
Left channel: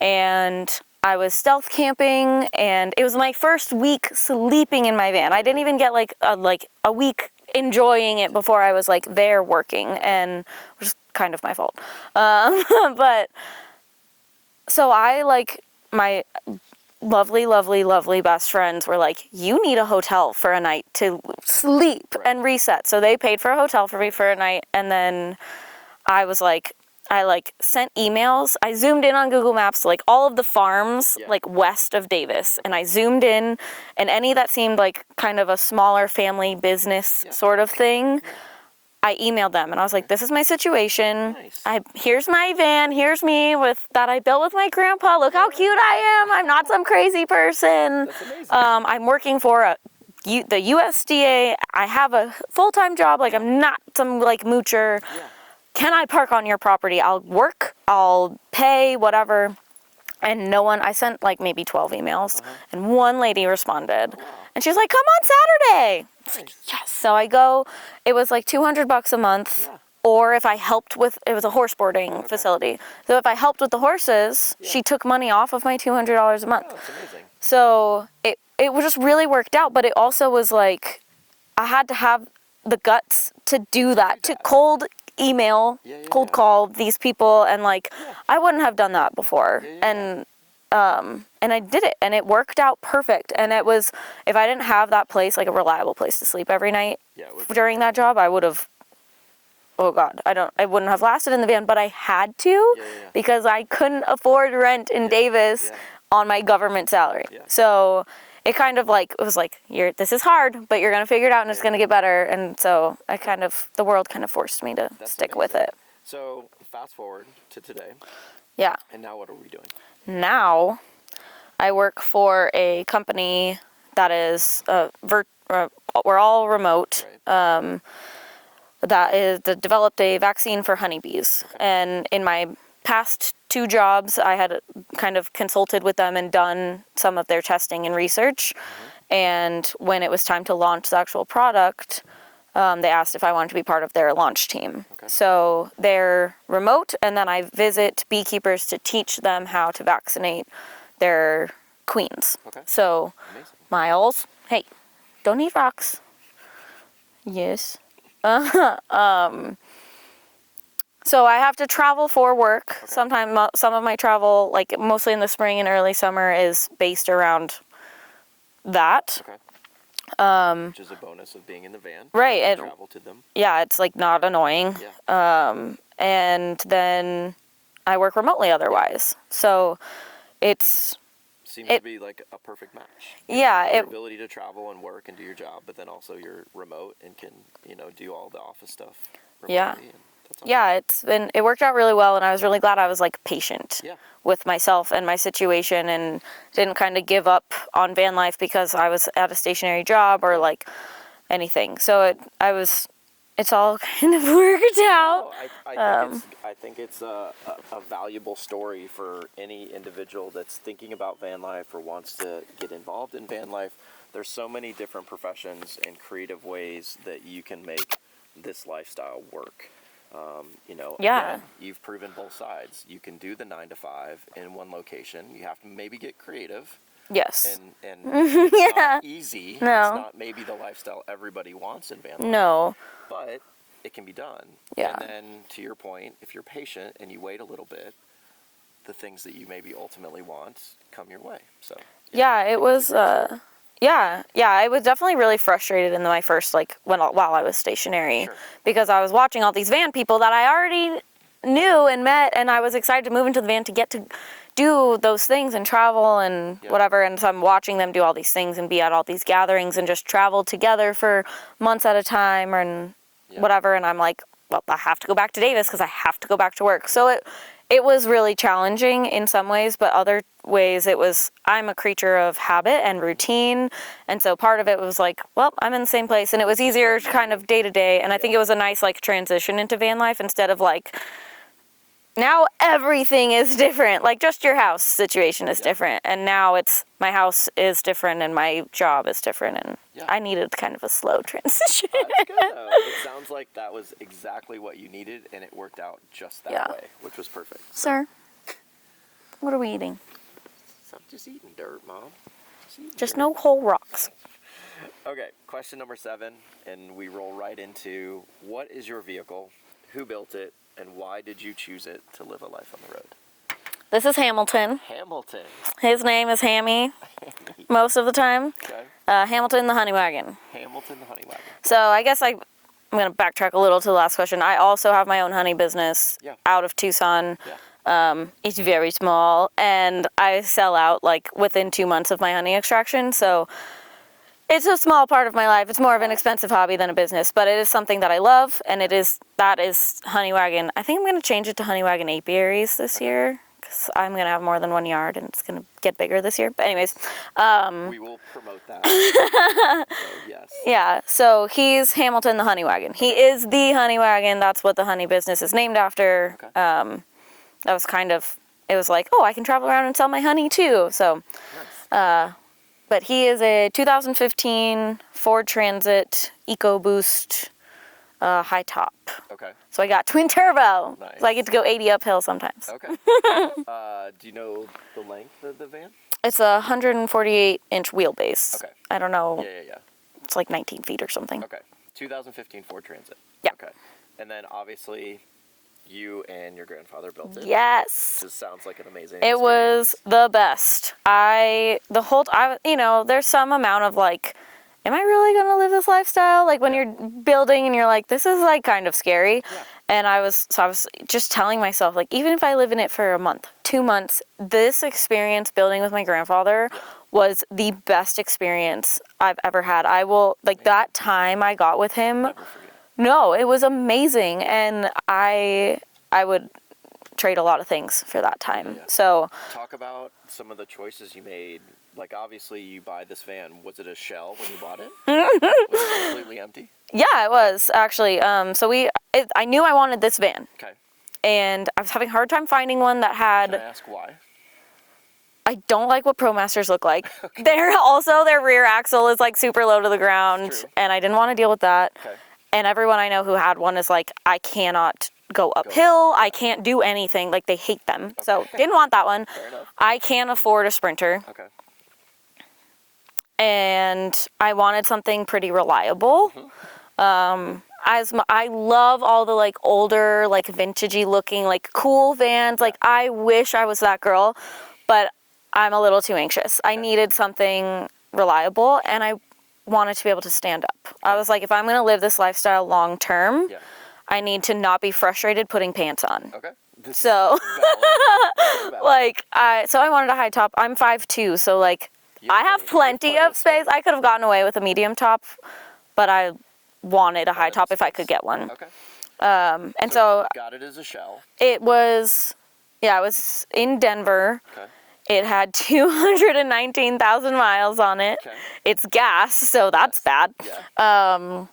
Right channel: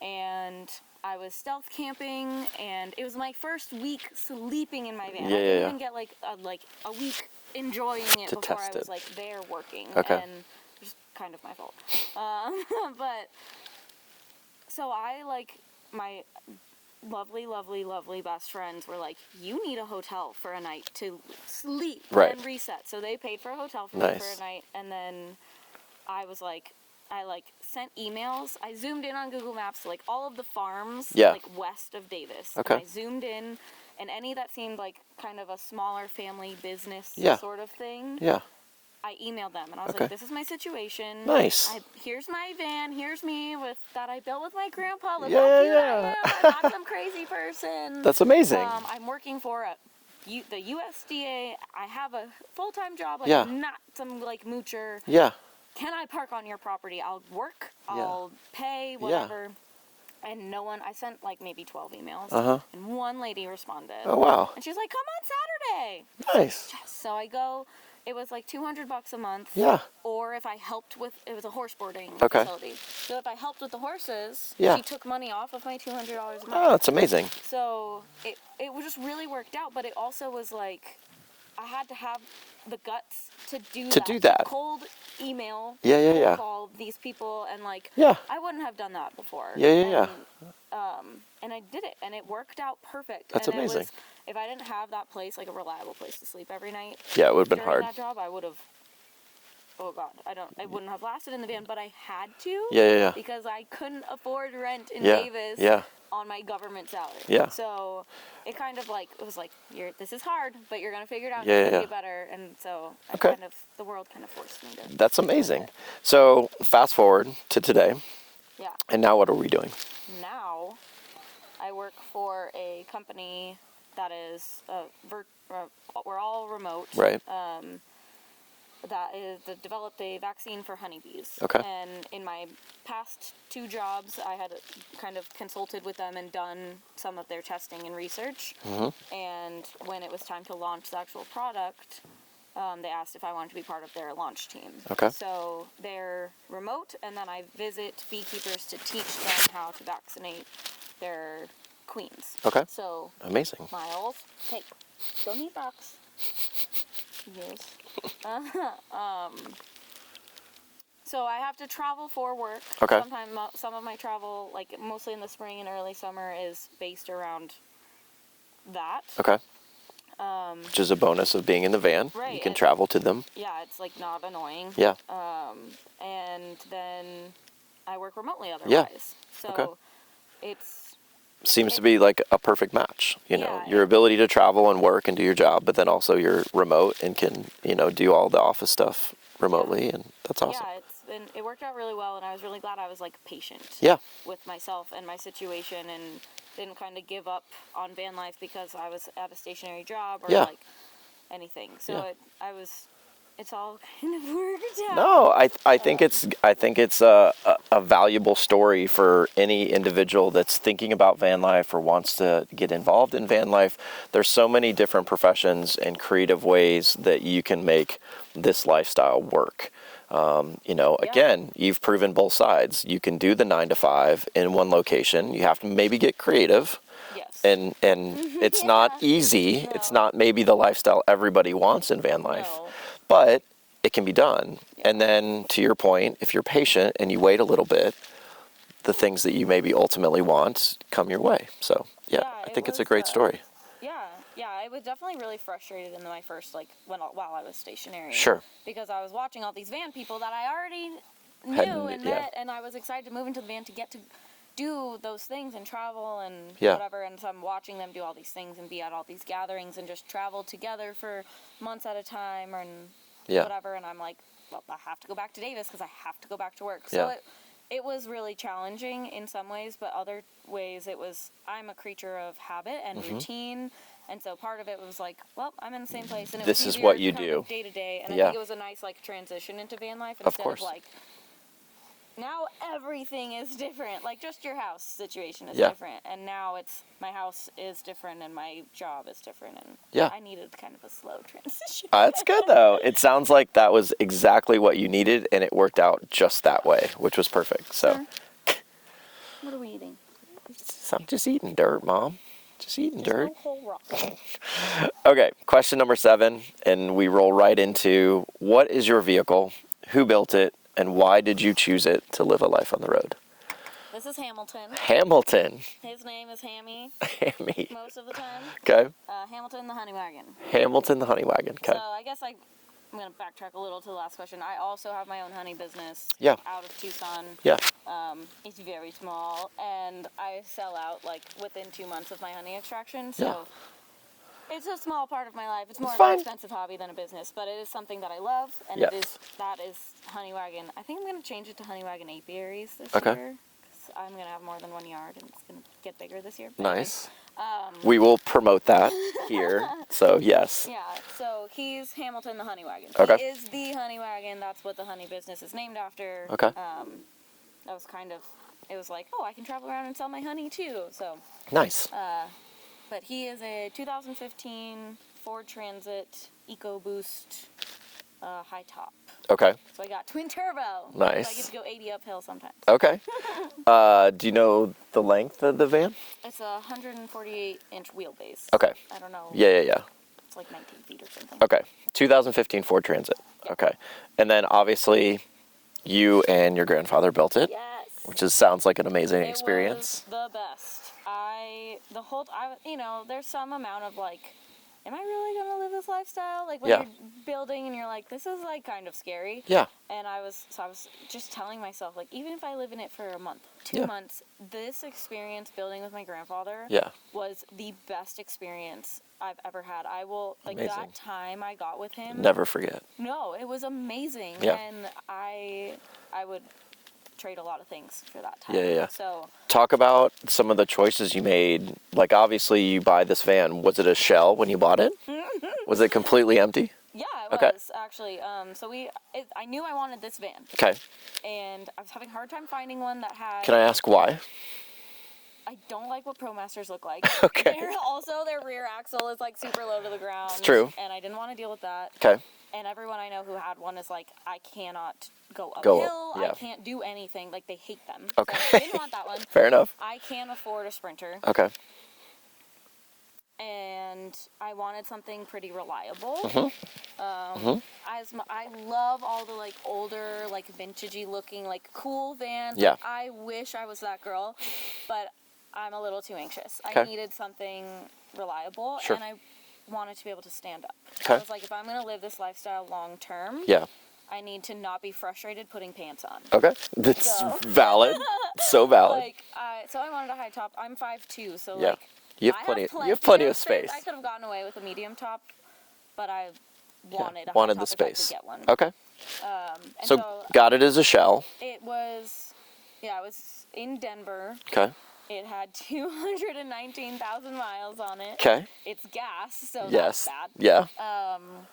And I was stealth camping, and it was my first week sleeping in my van. I didn't even get like a week enjoying it before I was like there working, and which is kind of my fault. But so I, like, my lovely best friends were like, you need a hotel for a night to sleep and reset. So they paid for a hotel for me for a night, and then I was like, I sent emails. I zoomed in on Google Maps to like all of the farms like west of Davis, and I zoomed in, and any that seemed like kind of a smaller family business sort of thing. I emailed them, and I was like, this is my situation. Nice. Here's my van. Here's me that I built with my grandpa. Look how cute I am. I'm not some crazy person. That's amazing. I'm working for the USDA. I have a full-time job. Like, I'm not some like moocher. Can I park on your property? I'll work. I'll pay, whatever. And no one, I sent like maybe 12 emails, and one lady responded. Oh, wow. And she's like, come on Saturday. Nice. Yes. So I go, it was like $200 a month. Or if I helped with, it was a horse boarding facility. So if I helped with the horses, she took money off of my $200 a month. Oh, that's amazing. So it just really worked out, but it also was like, I had to have the guts to do that. To cold email, cold call these people, and like, I wouldn't have done that before. And I did it, and it worked out perfect. That's and amazing. It was, if I didn't have that place, like a reliable place to sleep every night, it would have been during hard. that job, I would have, oh God, I wouldn't have lasted in the van, but I had to, because I couldn't afford rent in Davis on my government salary. So it kind of like, it was like, this is hard, but you're going to figure it out, and it's going to get better. And so the world kind of forced me to stick with it. So fast forward to today. Yeah. And now what are we doing? Now I work for a company that is, we're all remote. Right. That developed a vaccine for honeybees. And in my past 2 jobs, I had kind of consulted with them and done some of their testing and research. And when it was time to launch the actual product, they asked if I wanted to be part of their launch team. So they're remote, and then I visit beekeepers to teach them how to vaccinate their queens. So amazing. Miles, hey, don't eat rocks. Yes. So I have to travel for work. Sometimes some of my travel, like mostly in the spring and early summer, is based around that. Which is a bonus of being in the van. Right. You can travel to them. Yeah, it's like not annoying. And then I work remotely otherwise. So it's... Seems to be like a perfect match. You know, your ability to travel and work and do your job, but then also you're remote and can, do all the office stuff remotely, and that's awesome. Yeah, it worked out really well, and I was really glad I was like patient with myself and my situation, and didn't kind of give up on van life because I was at a stationary job or like anything. So it's all kind of worked out. No, I think it's a valuable story for any individual that's thinking about van life or wants to get involved in van life. There's so many different professions and creative ways that you can make this lifestyle work. Again, you've proven both sides. You can do the 9 to 5 in one location. You have to maybe get creative. Yes. And it's not easy. No. It's not maybe the lifestyle everybody wants in van life. No. But it can be done. And then to your point, if you're patient and you wait a little bit, the things that you maybe ultimately want come your way. So I think it's a great story. I was definitely really frustrated in my first, while I was stationary. Because I was watching all these van people that I already knew and met, and I was excited to move into the van to get to do those things and travel and whatever. And so I'm watching them do all these things and be at all these gatherings and just travel together for months at a time and whatever. And I'm like, well, I have to go back to Davis because I have to go back to work. So it was really challenging in some ways, but other ways I'm a creature of habit and routine. And so part of it was like, well, I'm in the same place, and it was easier kind of day to day. And I think it was a nice like transition into van life instead of like, now everything is different. Like just your house situation is different. And now it's my house is different and my job is different. And I needed kind of a slow transition. That's good though. It sounds like that was exactly what you needed and it worked out just that way, which was perfect. So, sir, what are we eating? I'm just eating dirt, Mom. Just eating dirt. Just no whole rocks. Okay, question number 7, and we roll right into what is your vehicle, who built it, and why did you choose it to live a life on the road? This is Hamilton. Hamilton. His name is Hammy. Hammy. Most of the time. Okay. Hamilton the Honey Wagon. Hamilton the Honey Wagon. Okay. So I guess I'm going to backtrack a little to the last question. I also have my own honey business out of Tucson. Yeah. It's very small, and I sell out like within 2 months of my honey extraction. So it's a small part of my life. It's more of an expensive hobby than a business, but it is something that I love, and that is Honey Wagon. I think I'm going to change it to Honey Wagon apiaries this year, because I'm going to have more than one yard, and it's going to get bigger this year. But anyways. We will promote that here, so yes. Yeah, so he's Hamilton the Honey Wagon. He is the Honey Wagon. That's what the honey business is named after. Okay. That was kind of, it was like, oh, I can travel around and sell my honey too. So. Nice. But he is a 2015 Ford Transit Ecoboost high top. Okay. So I got twin turbo. Nice. So I get to go 80 uphill sometimes. Okay. Do you know the length of the van? It's a 148-inch wheelbase. Okay. I don't know. Yeah. It's like 19 feet or something. Okay. 2015 Ford Transit. Yeah. Okay. And then obviously you and your grandfather built it. Yes. Which just sounds like an amazing experience. It was the best. There's some amount of like, am I really going to live this lifestyle? Like when you're building and you're like, this is like kind of scary. Yeah. And I was just telling myself, like, even if I live in it for a month, 2 months, this experience building with my grandfather was the best experience I've ever had. I will, like, that time I got with him. Never forget. No, it was amazing. Yeah. And I would trade a lot of things for that time. Yeah. So talk about some of the choices you made. Like, obviously you buy this van. Was it a shell when you bought it? Was it completely empty? Yeah, it was actually. I knew I wanted this van. Okay. And I was having a hard time finding one that had. Can I ask why? I don't like what ProMasters look like. Okay. Their rear axle is like super low to the ground. It's true. And I didn't want to deal with that. Okay. And everyone I know who had one is like, I cannot go uphill. I can't do anything. Like, they hate them. Okay. So didn't want that one. Fair enough. I can't afford a Sprinter. Okay. And I wanted something pretty reliable. I love all the like older, like vintagey looking, like cool vans. Like, I wish I was that girl, but I'm a little too anxious. I needed something reliable, and I wanted to be able to stand up. I was like, if I'm going to live this lifestyle long term, I need to not be frustrated putting pants on. Okay. That's valid. So valid. So I wanted a high top. I'm 5'2", so like I have plenty of space. I could have gotten away with a medium top, but I wanted a high top if I could get one. Okay. And so got it as a shell. It was, it was in Denver. Okay. It had 219,000 miles on it. Okay. It's gas, so that's bad. Yeah. But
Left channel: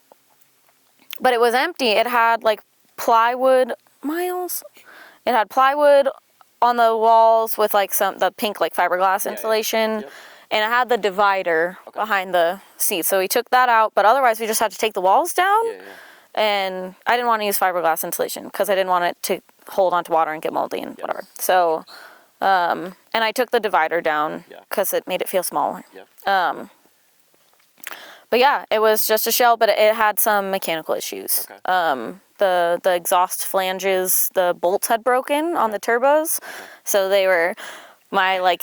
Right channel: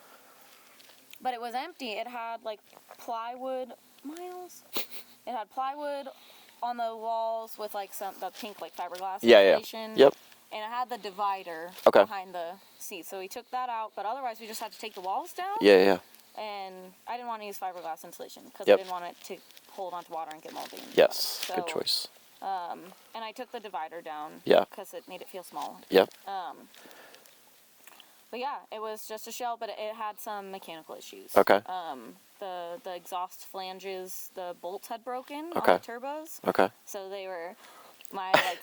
it was empty. It had like plywood miles. It had plywood on the walls with like the pink like fiberglass insulation. Yep. And it had the divider behind the seat. So we took that out, but otherwise we just had to take the walls down. Yeah. And I didn't want to use fiberglass insulation because I didn't want it to hold onto water and get moldy and whatever. So, good choice. And I took the divider down because it made it feel smaller. Yep. But yeah, it was just a shell, but it had some mechanical issues. Okay. The exhaust flanges, the bolts had broken on the turbos. Okay. So they were my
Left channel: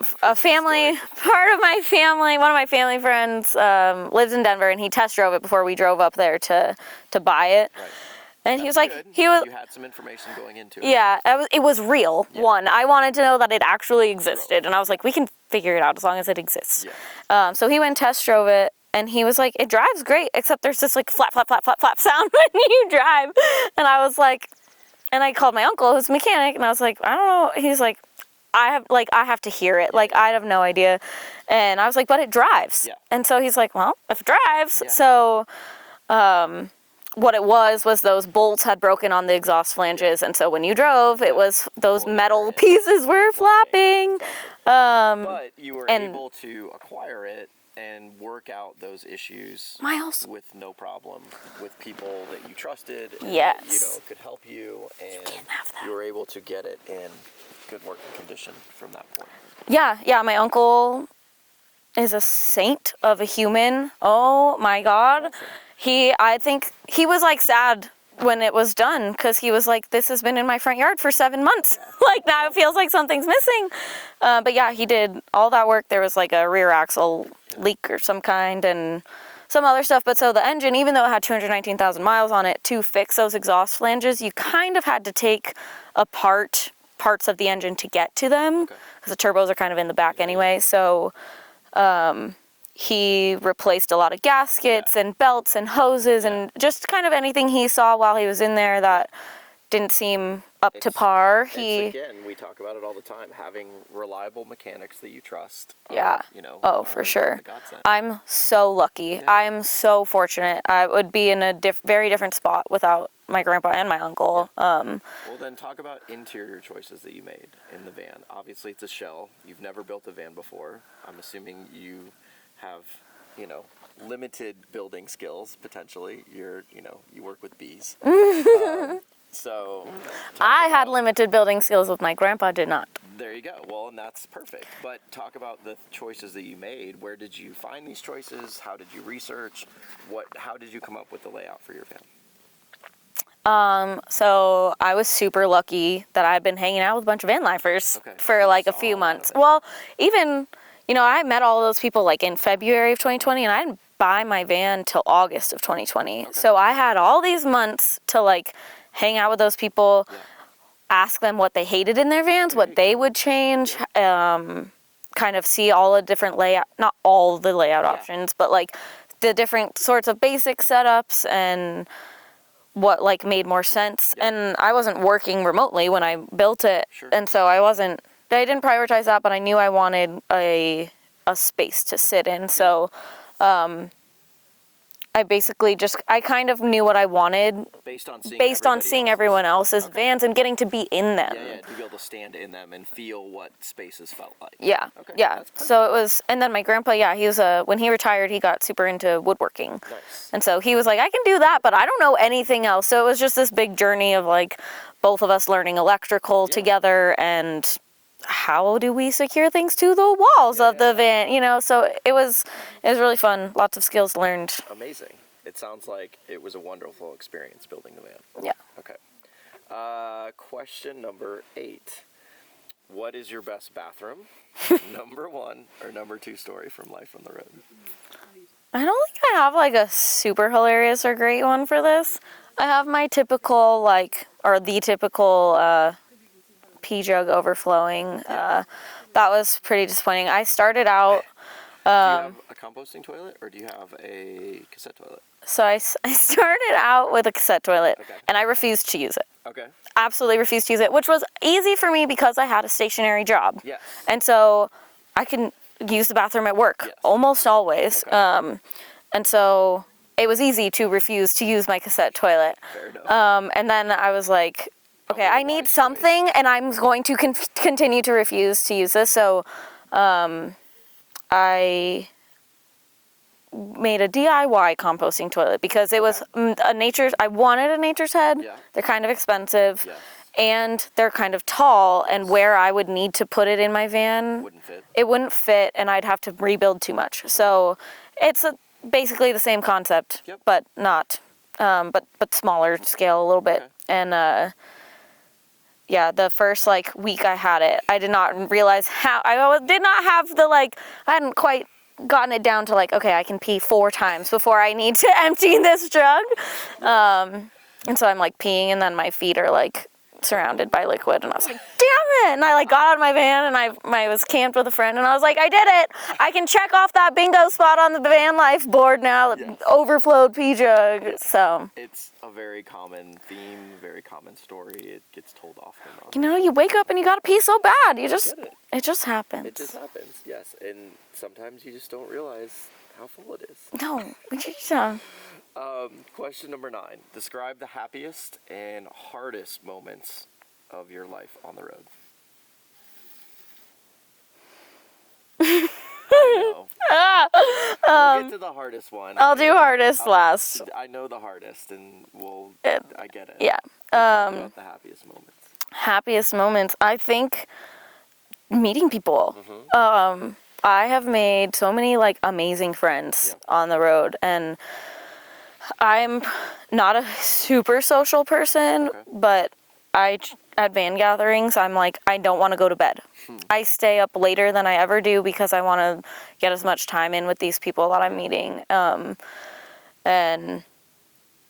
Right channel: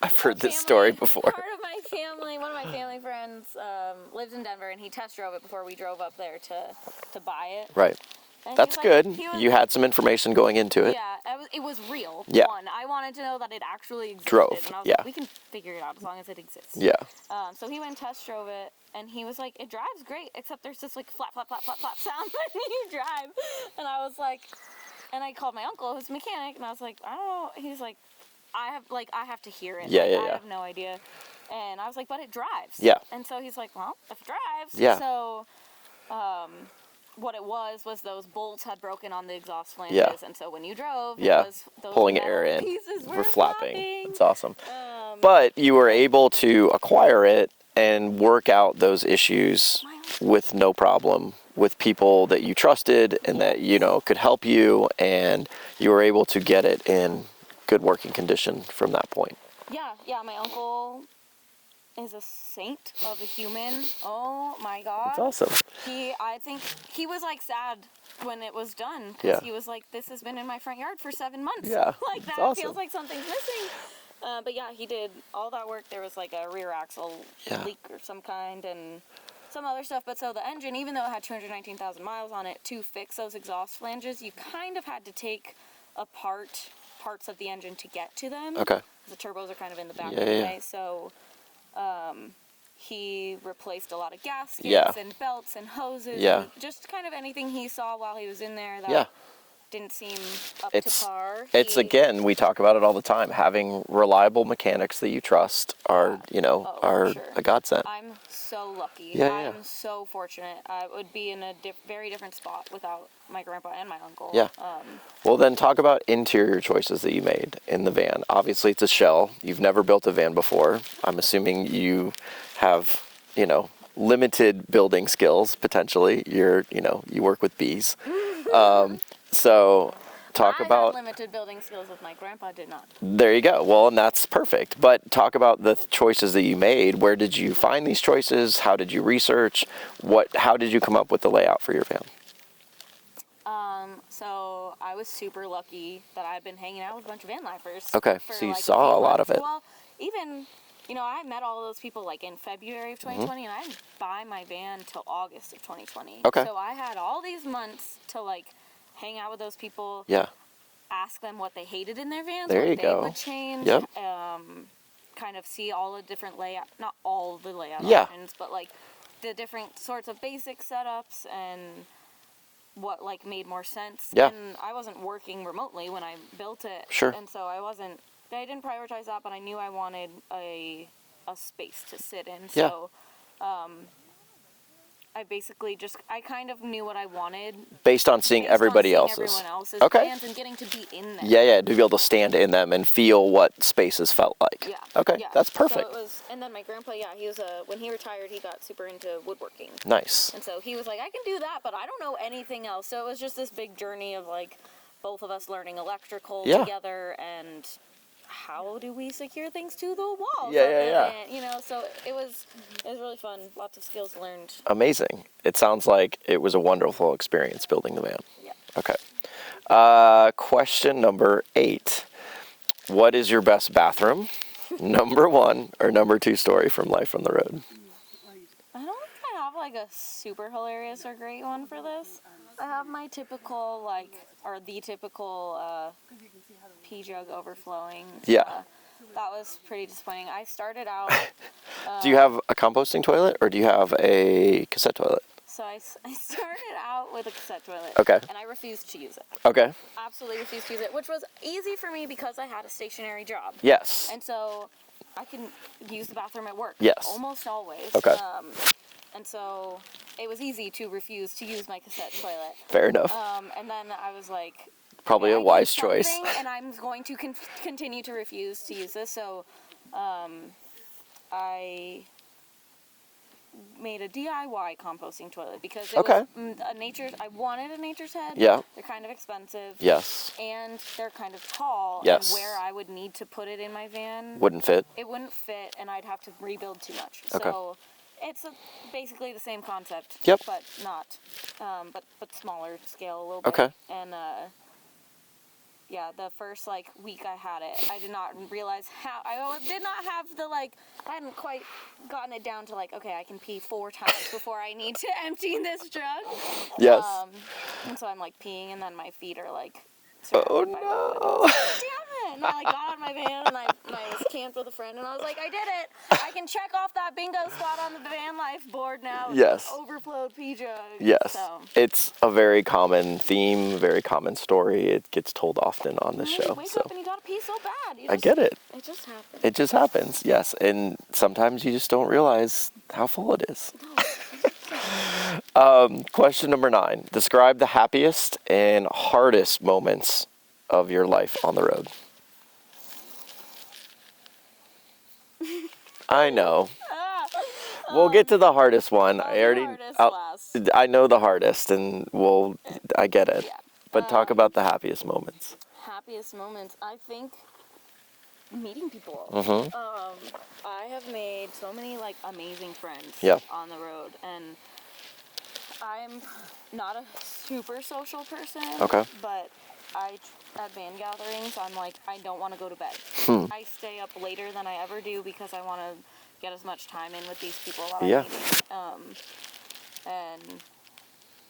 a family part of my family. One of my family friends lives in Denver, and he test drove it before we drove up there to buy it. Right. And That's good. You had some information going into it. Yeah, it was real. Yeah. One, I wanted to know that it actually existed, and I was like, we can figure it out as long as it exists. Yeah. So he went and test drove it, and he was like, it drives great, except there's this like flap, flap, flap, flap, flap sound when you drive. And I was like, And I called my uncle, who's a mechanic, and I was like, I don't know. He's like, I have to hear it. I have no idea. And I was like, but it drives. Yeah. And so he's like, well, if it drives. Yeah. So what it was those bolts had broken on the exhaust flanges. Yeah. And so when you drove, it was those Pulling metal pieces were flapping. That's awesome. But you were able to acquire it and work out those issues with no problem with people that you trusted and that, you know, could help you, and you were able to get it in good working condition from that point. Yeah, my uncle is a saint of a human. Oh my God. That's awesome. I think he was like sad when it was done, because he was like, this has been in my front yard for 7 months. Yeah. Like now it feels like something's missing. But yeah, he did all that work. There was like a rear axle leak or some kind and some other stuff. But so the engine, even though it had 219,000 miles on it, to fix those exhaust flanges, you kind of had to take apart parts of the engine to get to them. Okay. Because the turbos are kind of in the back anyway. So he replaced a lot of gaskets and belts and hoses and just kind of anything he saw while he was in there that didn't seem up to par. It's again, we talk about it all the time. Having reliable mechanics that you trust are, you know, for sure, a godsend. I'm so lucky. I'm so fortunate. I would be in a very different spot without my grandpa and my uncle. Well, then talk about interior choices that you made in the van. Obviously, it's a shell. You've never built a van before. I'm assuming you have, you know, limited building skills potentially. You work with bees. So I had limited building skills with my grandpa did not. There you go. Well, and that's perfect. But talk about the choices that you made. Where did you find these choices? How did you research? How did you come up with the layout for your van? So I was super lucky that I'd been hanging out with a bunch of van lifers for like a few months. Well, even, you know, I met all those people like in February of 2020 and I didn't buy my van till August of 2020. So I had all these months to like hang out with those people, ask them what they hated in their vans, what they would change, kind of see all the different layout, not all the layout options, but like the different sorts of basic setups and what like made more sense. And I wasn't working remotely when I built it. And so I didn't prioritize that, but I knew I wanted a space to sit in. So I basically I kind of knew what I wanted. Based on seeing everyone else's vans and getting to be in them. To be able to stand in them and feel what spaces felt like. That's perfect. So it was, and then my grandpa, he was when he retired, he got super into woodworking. Nice. And so he was like, I can do that, but I don't know anything else. So it was just this big journey of like both of us learning electrical together and how do we secure things to the walls of the van, you know? So it was really fun. Lots of skills learned. Amazing. It sounds like it was a wonderful experience building the van. Yeah. Okay. Question number 8. What is your best bathroom? Number 1 or number 2 story from Life on the Road? I don't think I have like a super hilarious or great one for this. I have my typical the typical pee jug overflowing. That was pretty disappointing. I started out... do you have a composting toilet or do you have a cassette toilet? So I started out with a cassette toilet. And I refused to use it. Absolutely refused to use it, which was easy for me because I had a stationary job. Yes. And so I can use the bathroom at work. Yes. Almost always. And so it was easy to refuse to use my cassette toilet. Fair enough. And then I was like... I need something, and I'm going to continue to refuse to use this. So I made a DIY composting toilet because it was I wanted a nature's head. Yeah. They're kind of expensive. Yes. And they're kind of tall, and where I would need to put it in my van wouldn't fit. It wouldn't fit, and I'd have to rebuild too much. So it's basically the same concept, but not, but smaller scale a little bit. And the first week I had it, I did not realize how, I did not have I hadn't quite gotten it down to I can pee 4 times before I need to empty this jug. Yes. And so I'm peeing and then my feet are surrounded by liquid and I was like, damn it. And I like got out of my van and I was camped with a friend and I was like, I did it. I can check off that bingo spot on the van life board now. Yes. Overflowed pee jug. Yes. So it's a very common theme, very common story. It gets told often on the show. You wake up and you got to pee so bad. I get it. It just happens. It just happens, yes. And sometimes you just don't realize how full it is. No, it just Question number 9. Describe the happiest and hardest moments of your life on the road. I know. We'll get to the hardest one. I'll do hardest last. I know the hardest, and I get it. Yeah. But talk about the happiest moments. Happiest moments, I think meeting people. Mm-hmm. I have made so many like amazing friends on the road, and I'm not a super social person, but at van gatherings, I'm like, I don't want to go to bed. I stay up later than I ever do because I want to get as much time in with these people that I'm meeting. And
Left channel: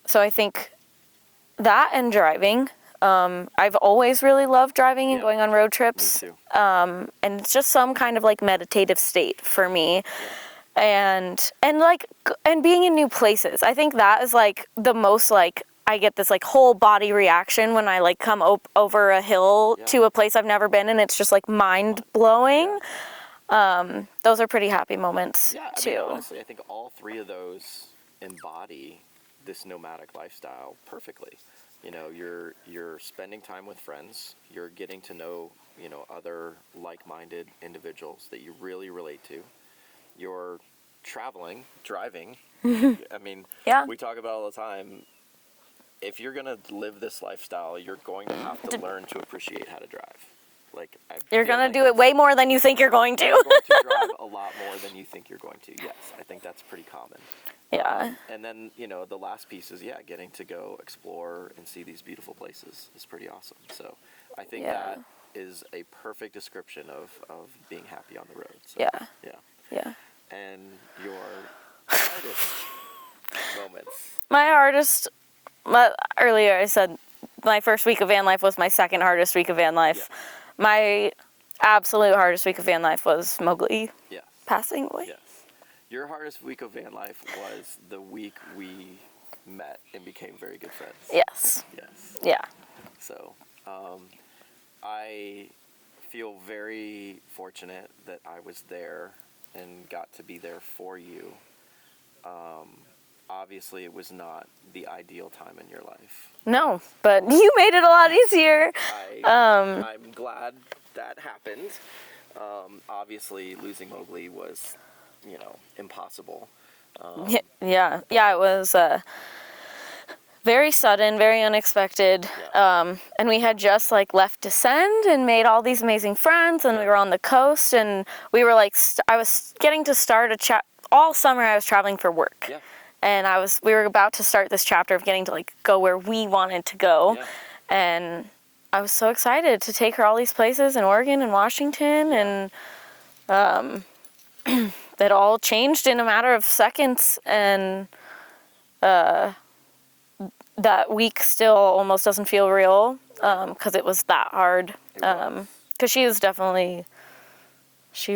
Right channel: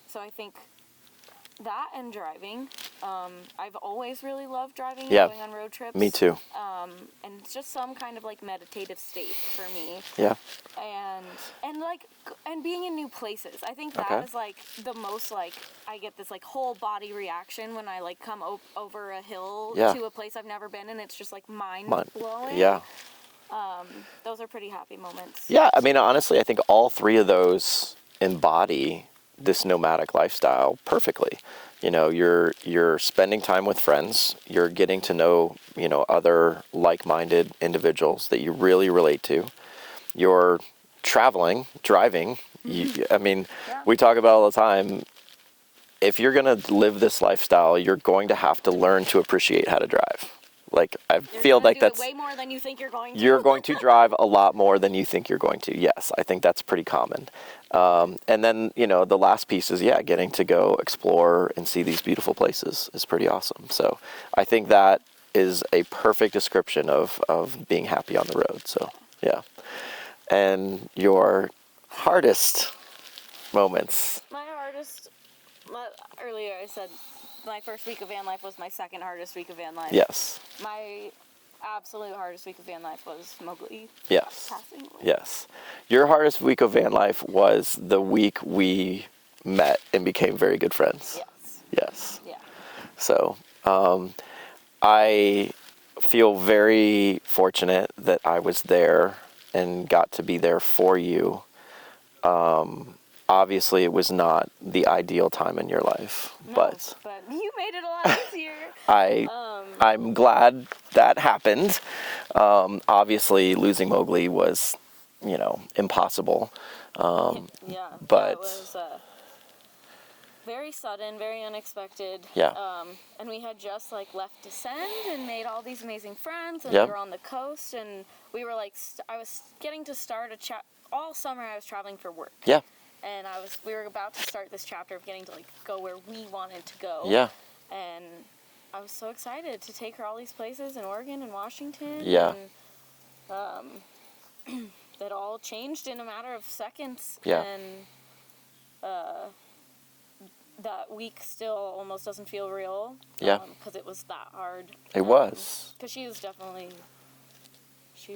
so I think that and driving. I've always really loved driving and going on road trips. Me too. And it's just some kind of like meditative state for me. Yeah. And being in new places. I think that is like the most like I get this like whole body reaction when I like come over a hill to a place I've never been, and it's just like mind blowing. Yeah. Those are pretty happy moments. Yeah, I mean, honestly, I think all 3 of those embody this nomadic lifestyle perfectly. You know, you're spending time with friends, you're getting to know, other like-minded individuals that you really relate to. You're traveling, driving. I mean, we talk about all the time, if you're going to live this lifestyle, you're going to have to learn to appreciate how to drive. Like, you're going to do it way more than you think you're going to. You're going to drive a lot more than you think you're going to. Yes, I think that's pretty common. Yeah. And then, the last piece is, getting to go explore and see these beautiful places is pretty awesome. So I think that is a perfect description of being happy on the road. So, yeah. And your hardest moments? Earlier I said my first week of van life was my second hardest week of van life. Yes. My absolute hardest week of van life was Mowgli passing away. Yes. Your hardest week of van life was the week we met and became very good friends. Yes. Yes. Yeah. So I feel very fortunate that I was there and got to be there for you. Obviously, it was not the ideal time in your life. No, but you made it a lot easier. I'm glad that happened. Obviously, losing Mowgli was, impossible. It was very sudden, very unexpected. Yeah. And we had just left Descend and made all these amazing friends, and we were on the coast, and we were I was getting to start all summer. I was traveling for work. Yeah. And we were about to start this chapter of getting to go where we wanted to go. Yeah. And I was so excited to take her all these places in Oregon and Washington, and it all changed in a matter of seconds. And that week still almost doesn't feel real because it was that hard. It was. Because she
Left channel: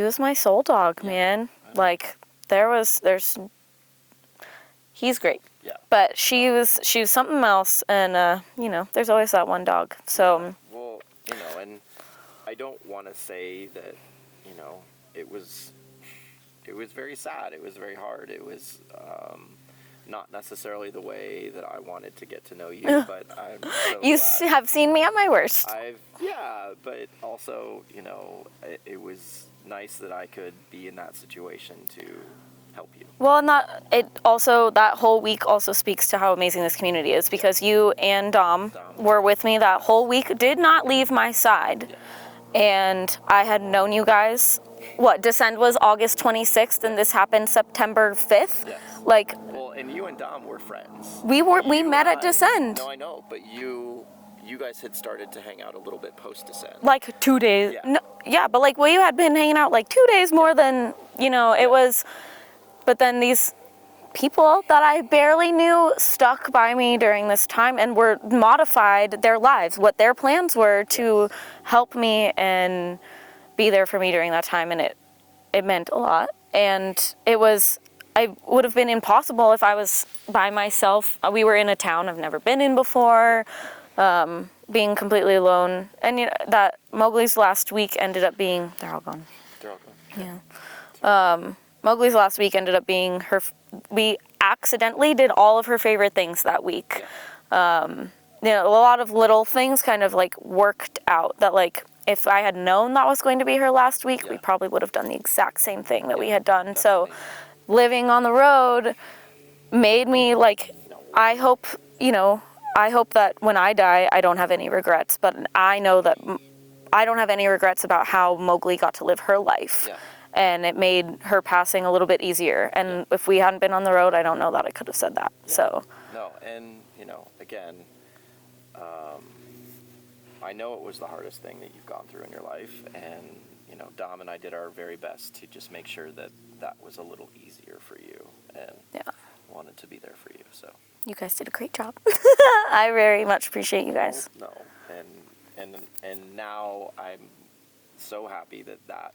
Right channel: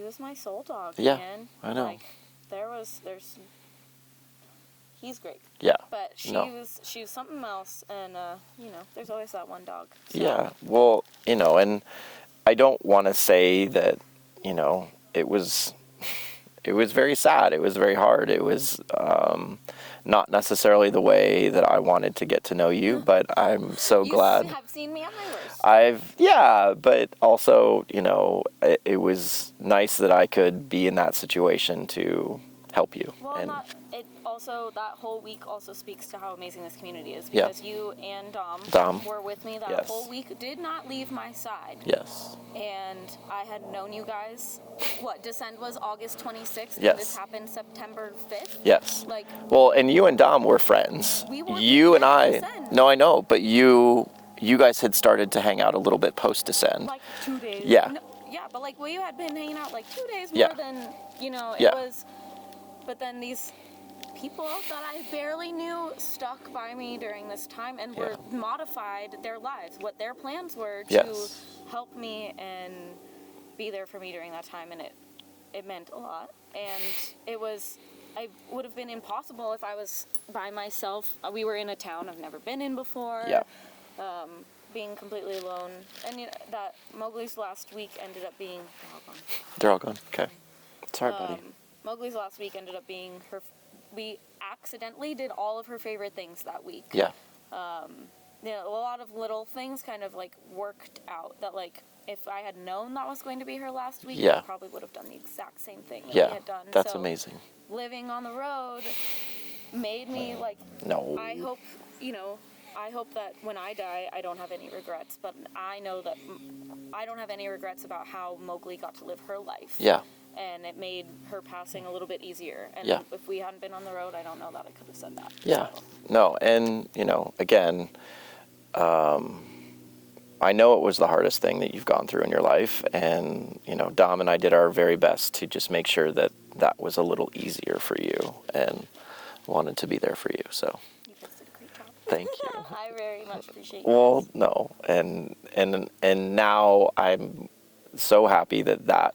was my soul dog, man. I know. He's great. Yeah. But she was something else, and there's always that one dog. So yeah. Well, and I don't want to say that, it was very sad. It was very hard. It was not necessarily the way that I wanted to get to know you, but I'm so glad. You have seen me at my worst. But also, it was nice that I could be in that situation to help you. Well, that whole week also speaks to how amazing this community is, because you and Dom were with me that whole week, did not leave my side. Yes. And I had known you guys. Descend was August 26th, and this happened September 5th? Yes. Well, and you and Dom were friends. We met at Descend. No, I know, but you guys had started to hang out a little bit post-Descend. 2 days. Yeah. No, but you had been hanging out 2 days more than, it was. But then these people that I barely knew stuck by me during this time and were modified their lives, what their plans were to help me and be there for me during that time. And it meant a lot. And it would have been impossible if I was by myself. We were in a town I've never been in before, being completely alone. And that Mowgli's last week ended up being, they're all gone. They're all gone. Okay. Yeah. Mowgli's last week ended up being we accidentally did all of her favorite things that week. Yeah. A lot of little things kind of like worked out that like, if I had known that was going to be her last week, we probably would have done the exact same thing that we had done. That's so amazing. Living on the road made me like, I hope that when I die, I don't have any regrets, but I know that I don't have any regrets about how Mowgli got to live her life. Yeah. And it made her passing a little bit easier. And if we hadn't been on the road, I don't know that I could have said that. Yeah. So. No, and, again, I know it was the hardest thing that you've gone through in your life. And, Dom and I did our very best to just make sure that that was a little easier for you and wanted to be there for you. So. You guys did a great job. Thank you. I very much appreciate you guys. No. And now I'm so happy that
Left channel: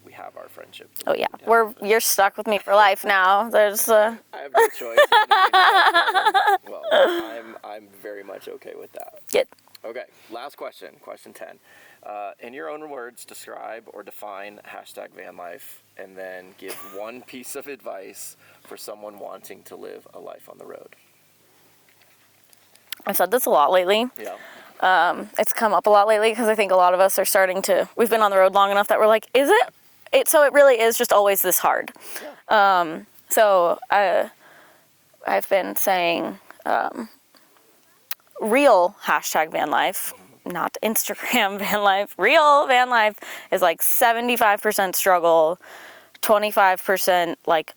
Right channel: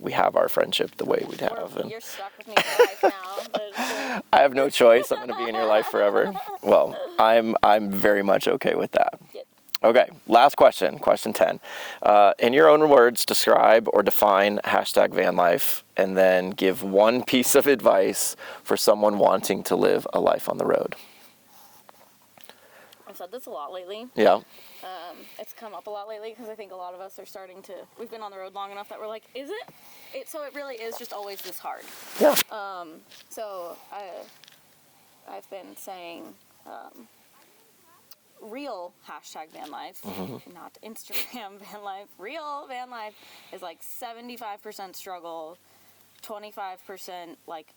we have our friendship the way we have. You're stuck with me for life now. I have no choice. I'm going to be in your life forever. Well, I'm very much okay with that. Good. Okay, last question, question 10. In your own words, describe or define #van life, and then give one piece of advice for someone wanting to live a life on the road. I've said this a lot lately. Yeah. It's come up a lot lately because I think a lot of us are we've been on the road long enough that we're like, is it? So it really is just always this hard. Yeah. So I've been saying real #van life, not Instagram van life. Real van life is like 75% struggle, 25% like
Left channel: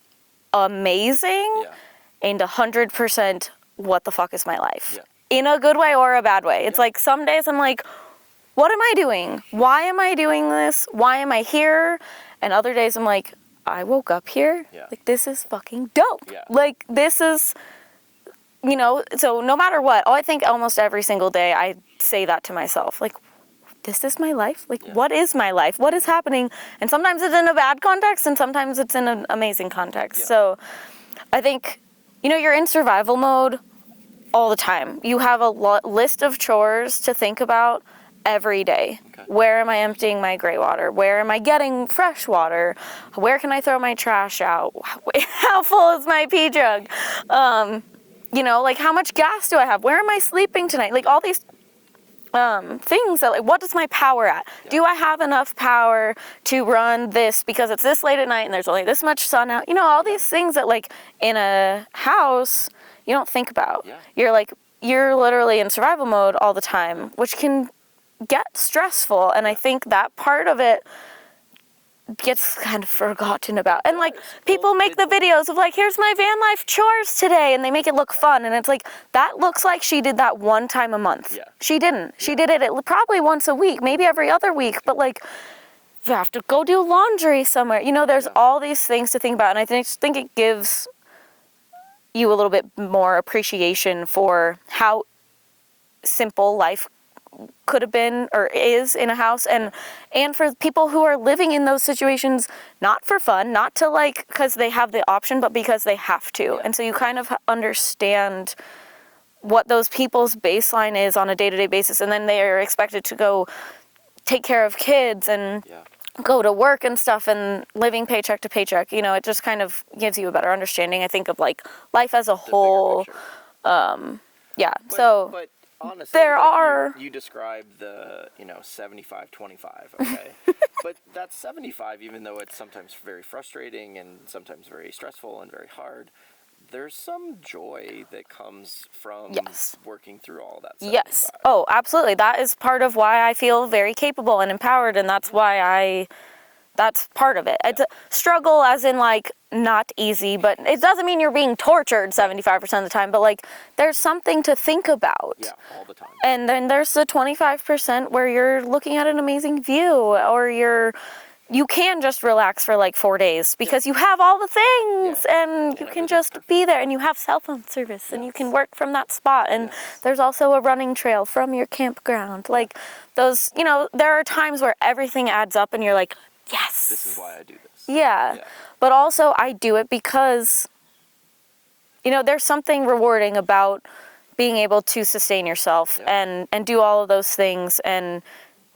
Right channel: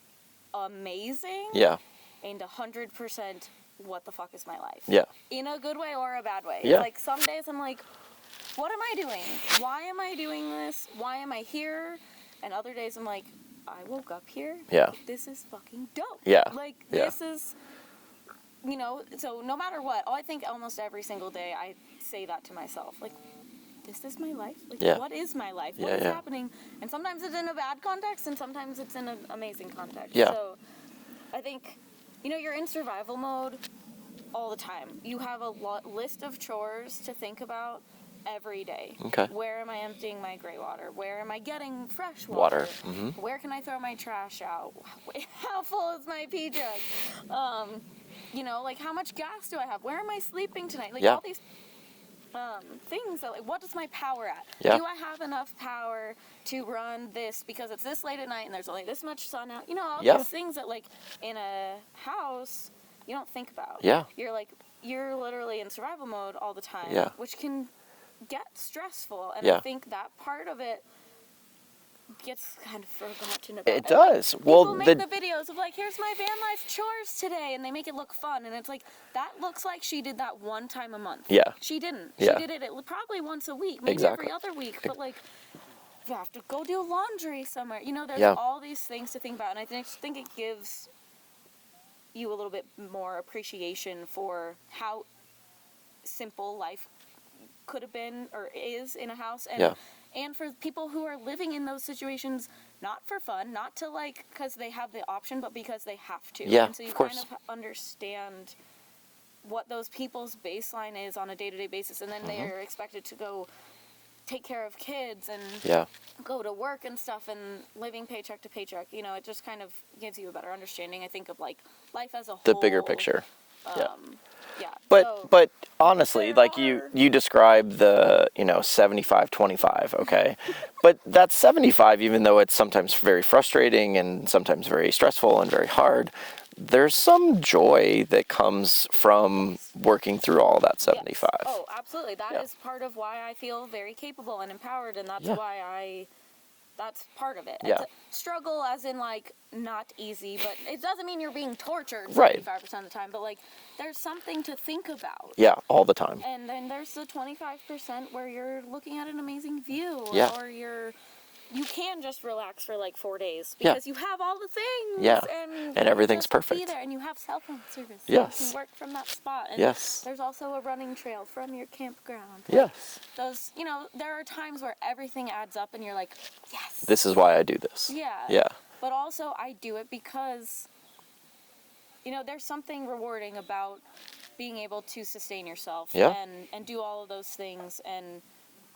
amazing, and 100% what the fuck is my life? Yeah. In a good way or a bad way. It's like some days I'm like, what am I doing? Why am I doing this? Why am I here? And other days I'm like, I woke up here. Yeah. Like, this is fucking dope. Yeah. Like, this is, so no matter what, I think almost every single day I say that to myself. Like, this is my life? Like, what is my life? What is happening? And sometimes it's in a bad context and sometimes it's in an amazing context. Yeah. So I think, you're in survival mode all the time. You have a list of chores to think about every day. Okay. Where am I emptying my gray water? Where am I getting fresh water? Where can I throw my trash out? How full is my pee jug? Like, how much gas do I have? Where am I sleeping tonight? Like, all these things that, like, what is my power at? Yeah. Do I have enough power to run this because it's this late at night and there's only this much sun out? All these things that, like, in a house, you don't think about. Yeah. You're literally in survival mode all the time, which can get stressful. And I think that part of it gets kind of forgotten about. It and like does. people make the videos of like, here's my van life chores today, and they make it look fun. And it's like, that looks like she did that one time a month. Yeah. She didn't. Yeah. She did it probably once a week, maybe every other week. But like, you have to go do laundry somewhere. There's all these things to think about. And I think it gives you a little bit more appreciation for how simple life could have been or is in a house, and for people who are living in those situations, not for fun, not to like because they have the option, but because they have to. And so you kind of understand what those people's baseline is on a day-to-day basis, and then they are expected to go take care of kids and go to work and stuff and living paycheck to paycheck. It just kind of gives you a better understanding, I think, of like life as a whole. The bigger picture. But honestly, you describe the 75-25, okay? But that's 75, even though it's sometimes very frustrating and sometimes very stressful and very hard, there's some joy that comes from working through all that 75. Yes. Oh, absolutely. That is part of why I feel very capable and empowered, and that's why that's part of it. It's a struggle as in like not easy, but it doesn't mean you're being tortured 75% of the time, but like there's something to think about. Yeah, all the time. And then there's the 25% where you're looking at an amazing view or you're you can just relax for like 4 days because you have all the things and you can just be there, and you have cell phone service, and you can work from that spot, and there's also a running trail from your campground. Like those, you know, there are times where everything adds up and you're like, yes, this is why I do this. Yeah. But also I do it because, you know, there's something rewarding about being able to sustain yourself and do all of those things and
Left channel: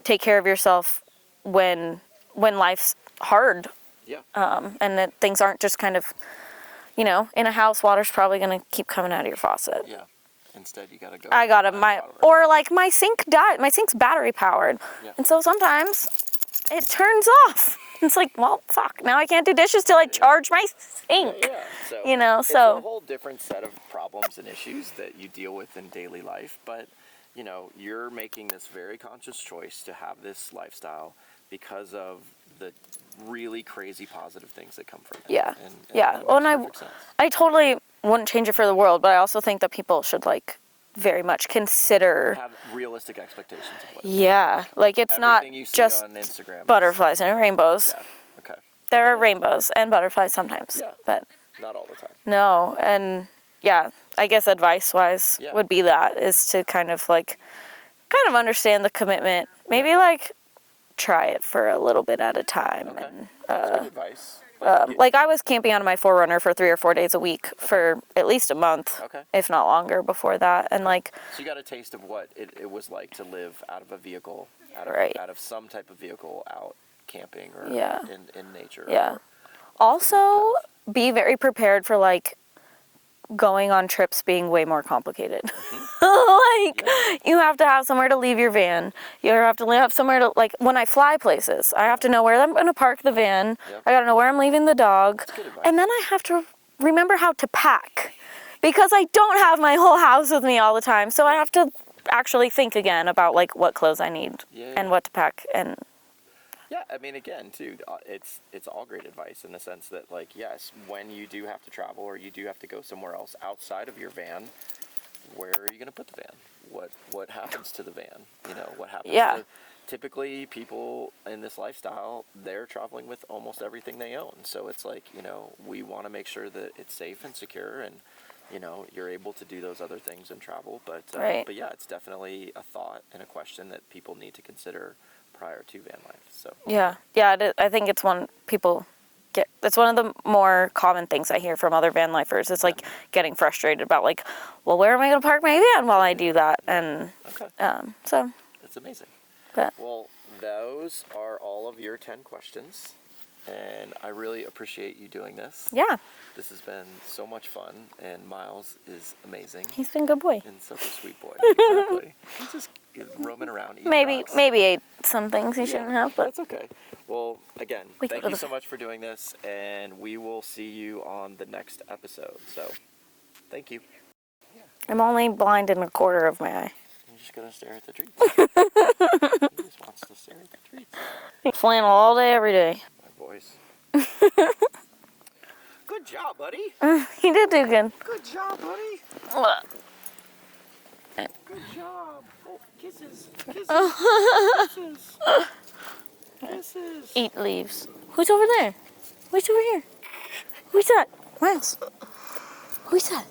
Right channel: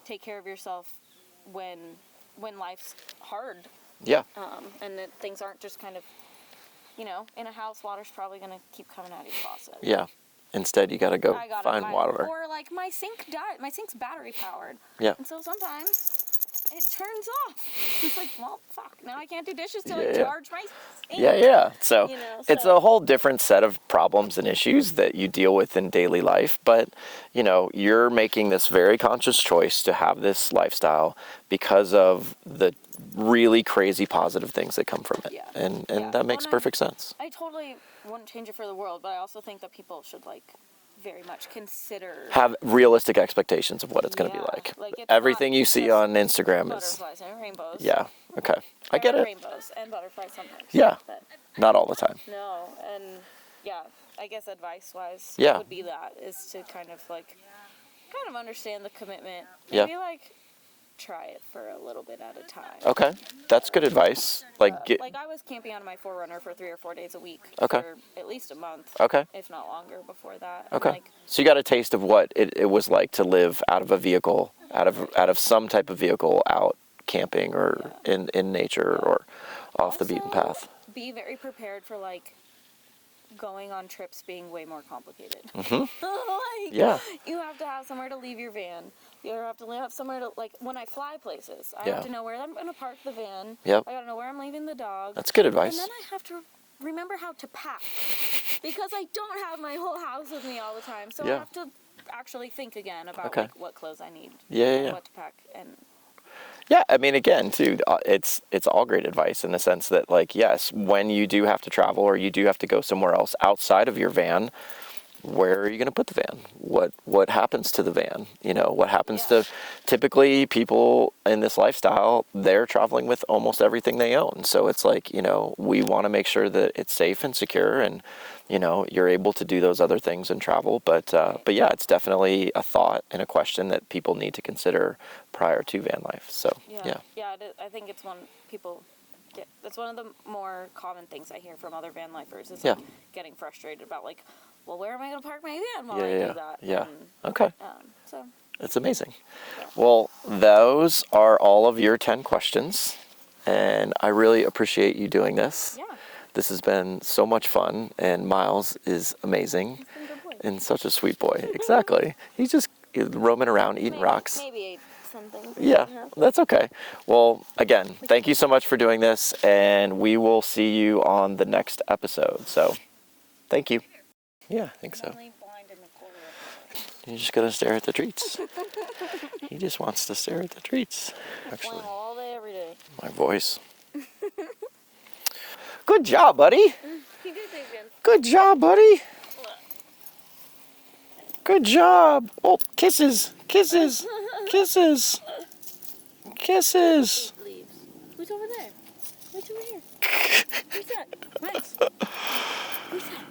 take care of yourself when life's hard. Yeah. And that things aren't just kind of, you know, in a house, water's probably going to keep coming out of your faucet. Yeah. Instead, you got to go I got find water. Or like my sink died. My sink's battery powered. Yeah. And so sometimes it turns off. It's like, well, fuck, now I can't do dishes till I charge my sink. Yeah. So, you know, it's a whole different set of problems and issues that you deal with in daily life. But, you know, you're making this very conscious choice to have this lifestyle because of the really crazy positive things that come from it. Yeah. And that makes perfect sense. I totally wouldn't change it for the world, but I also think that people should, like, very much consider... have realistic expectations of what it's going to be like. Like, it's everything not you see on Instagram butterflies and rainbows. Yeah, okay. There are rainbows and butterflies sometimes. Yeah, but not all the time. No, and I guess advice-wise would be that, is to kind of understand the commitment. Maybe, like, try it for a little bit at a time. Okay, that's good advice. Like I was camping out of my 4Runner for 3 or 4 days a week for at least a month, if not longer before that. And so you got a taste of what it was like to live out of a vehicle, out of some type of vehicle, out camping or in nature or off the beaten path. Also, be very prepared for like going on trips being way more complicated. You have to have somewhere to leave your van. You have to have somewhere to, like, when I fly places, I have to know where I'm going to park the van. I got to know where I'm leaving the dog. That's good advice. And then I have to remember how to pack, because I don't have my whole house with me all the time. So I have to actually think again about like what clothes I need and what to pack. And yeah, I mean, again, too, it's all great advice in the sense that, like, yes, when you do have to travel or you do have to go somewhere else outside of your van, where are you going to put the van? What happens to the van? You know, what happens to typically people in this lifestyle? They're traveling with almost everything they own. So it's like, you know, we want to make sure that it's safe and secure, and you know, you're able to do those other things and travel. But yeah, it's definitely a thought and a question that people need to consider prior to van life. So I think it's one people get. It's one of the more common things I hear from other van lifers. It's like getting frustrated about like, well, where am I going to park my van while I do that? And so that's amazing. Well, those are all of your 10 questions, and I really appreciate you doing this. Yeah. This has been so much fun, and Miles is amazing. He's been a good boy. And such a sweet boy. Exactly. He's just roaming around eating rocks. Maybe ate some things he shouldn't have. That's okay. Well, again, thank you so much for doing this, and we will see you on the next episode. So, thank you. Yeah, I'm only blind in a quarter of my eye. You're just going to stare at the treats. He just wants to stare at the treats. He's flannel all day, every day. My voice. Good job, buddy. He did do good. Good job, buddy. Good job. Oh, kisses. Kisses. Kisses. Kisses. Eat leaves. Who's over there? Who's over here? Who's that? Miles. Who's that?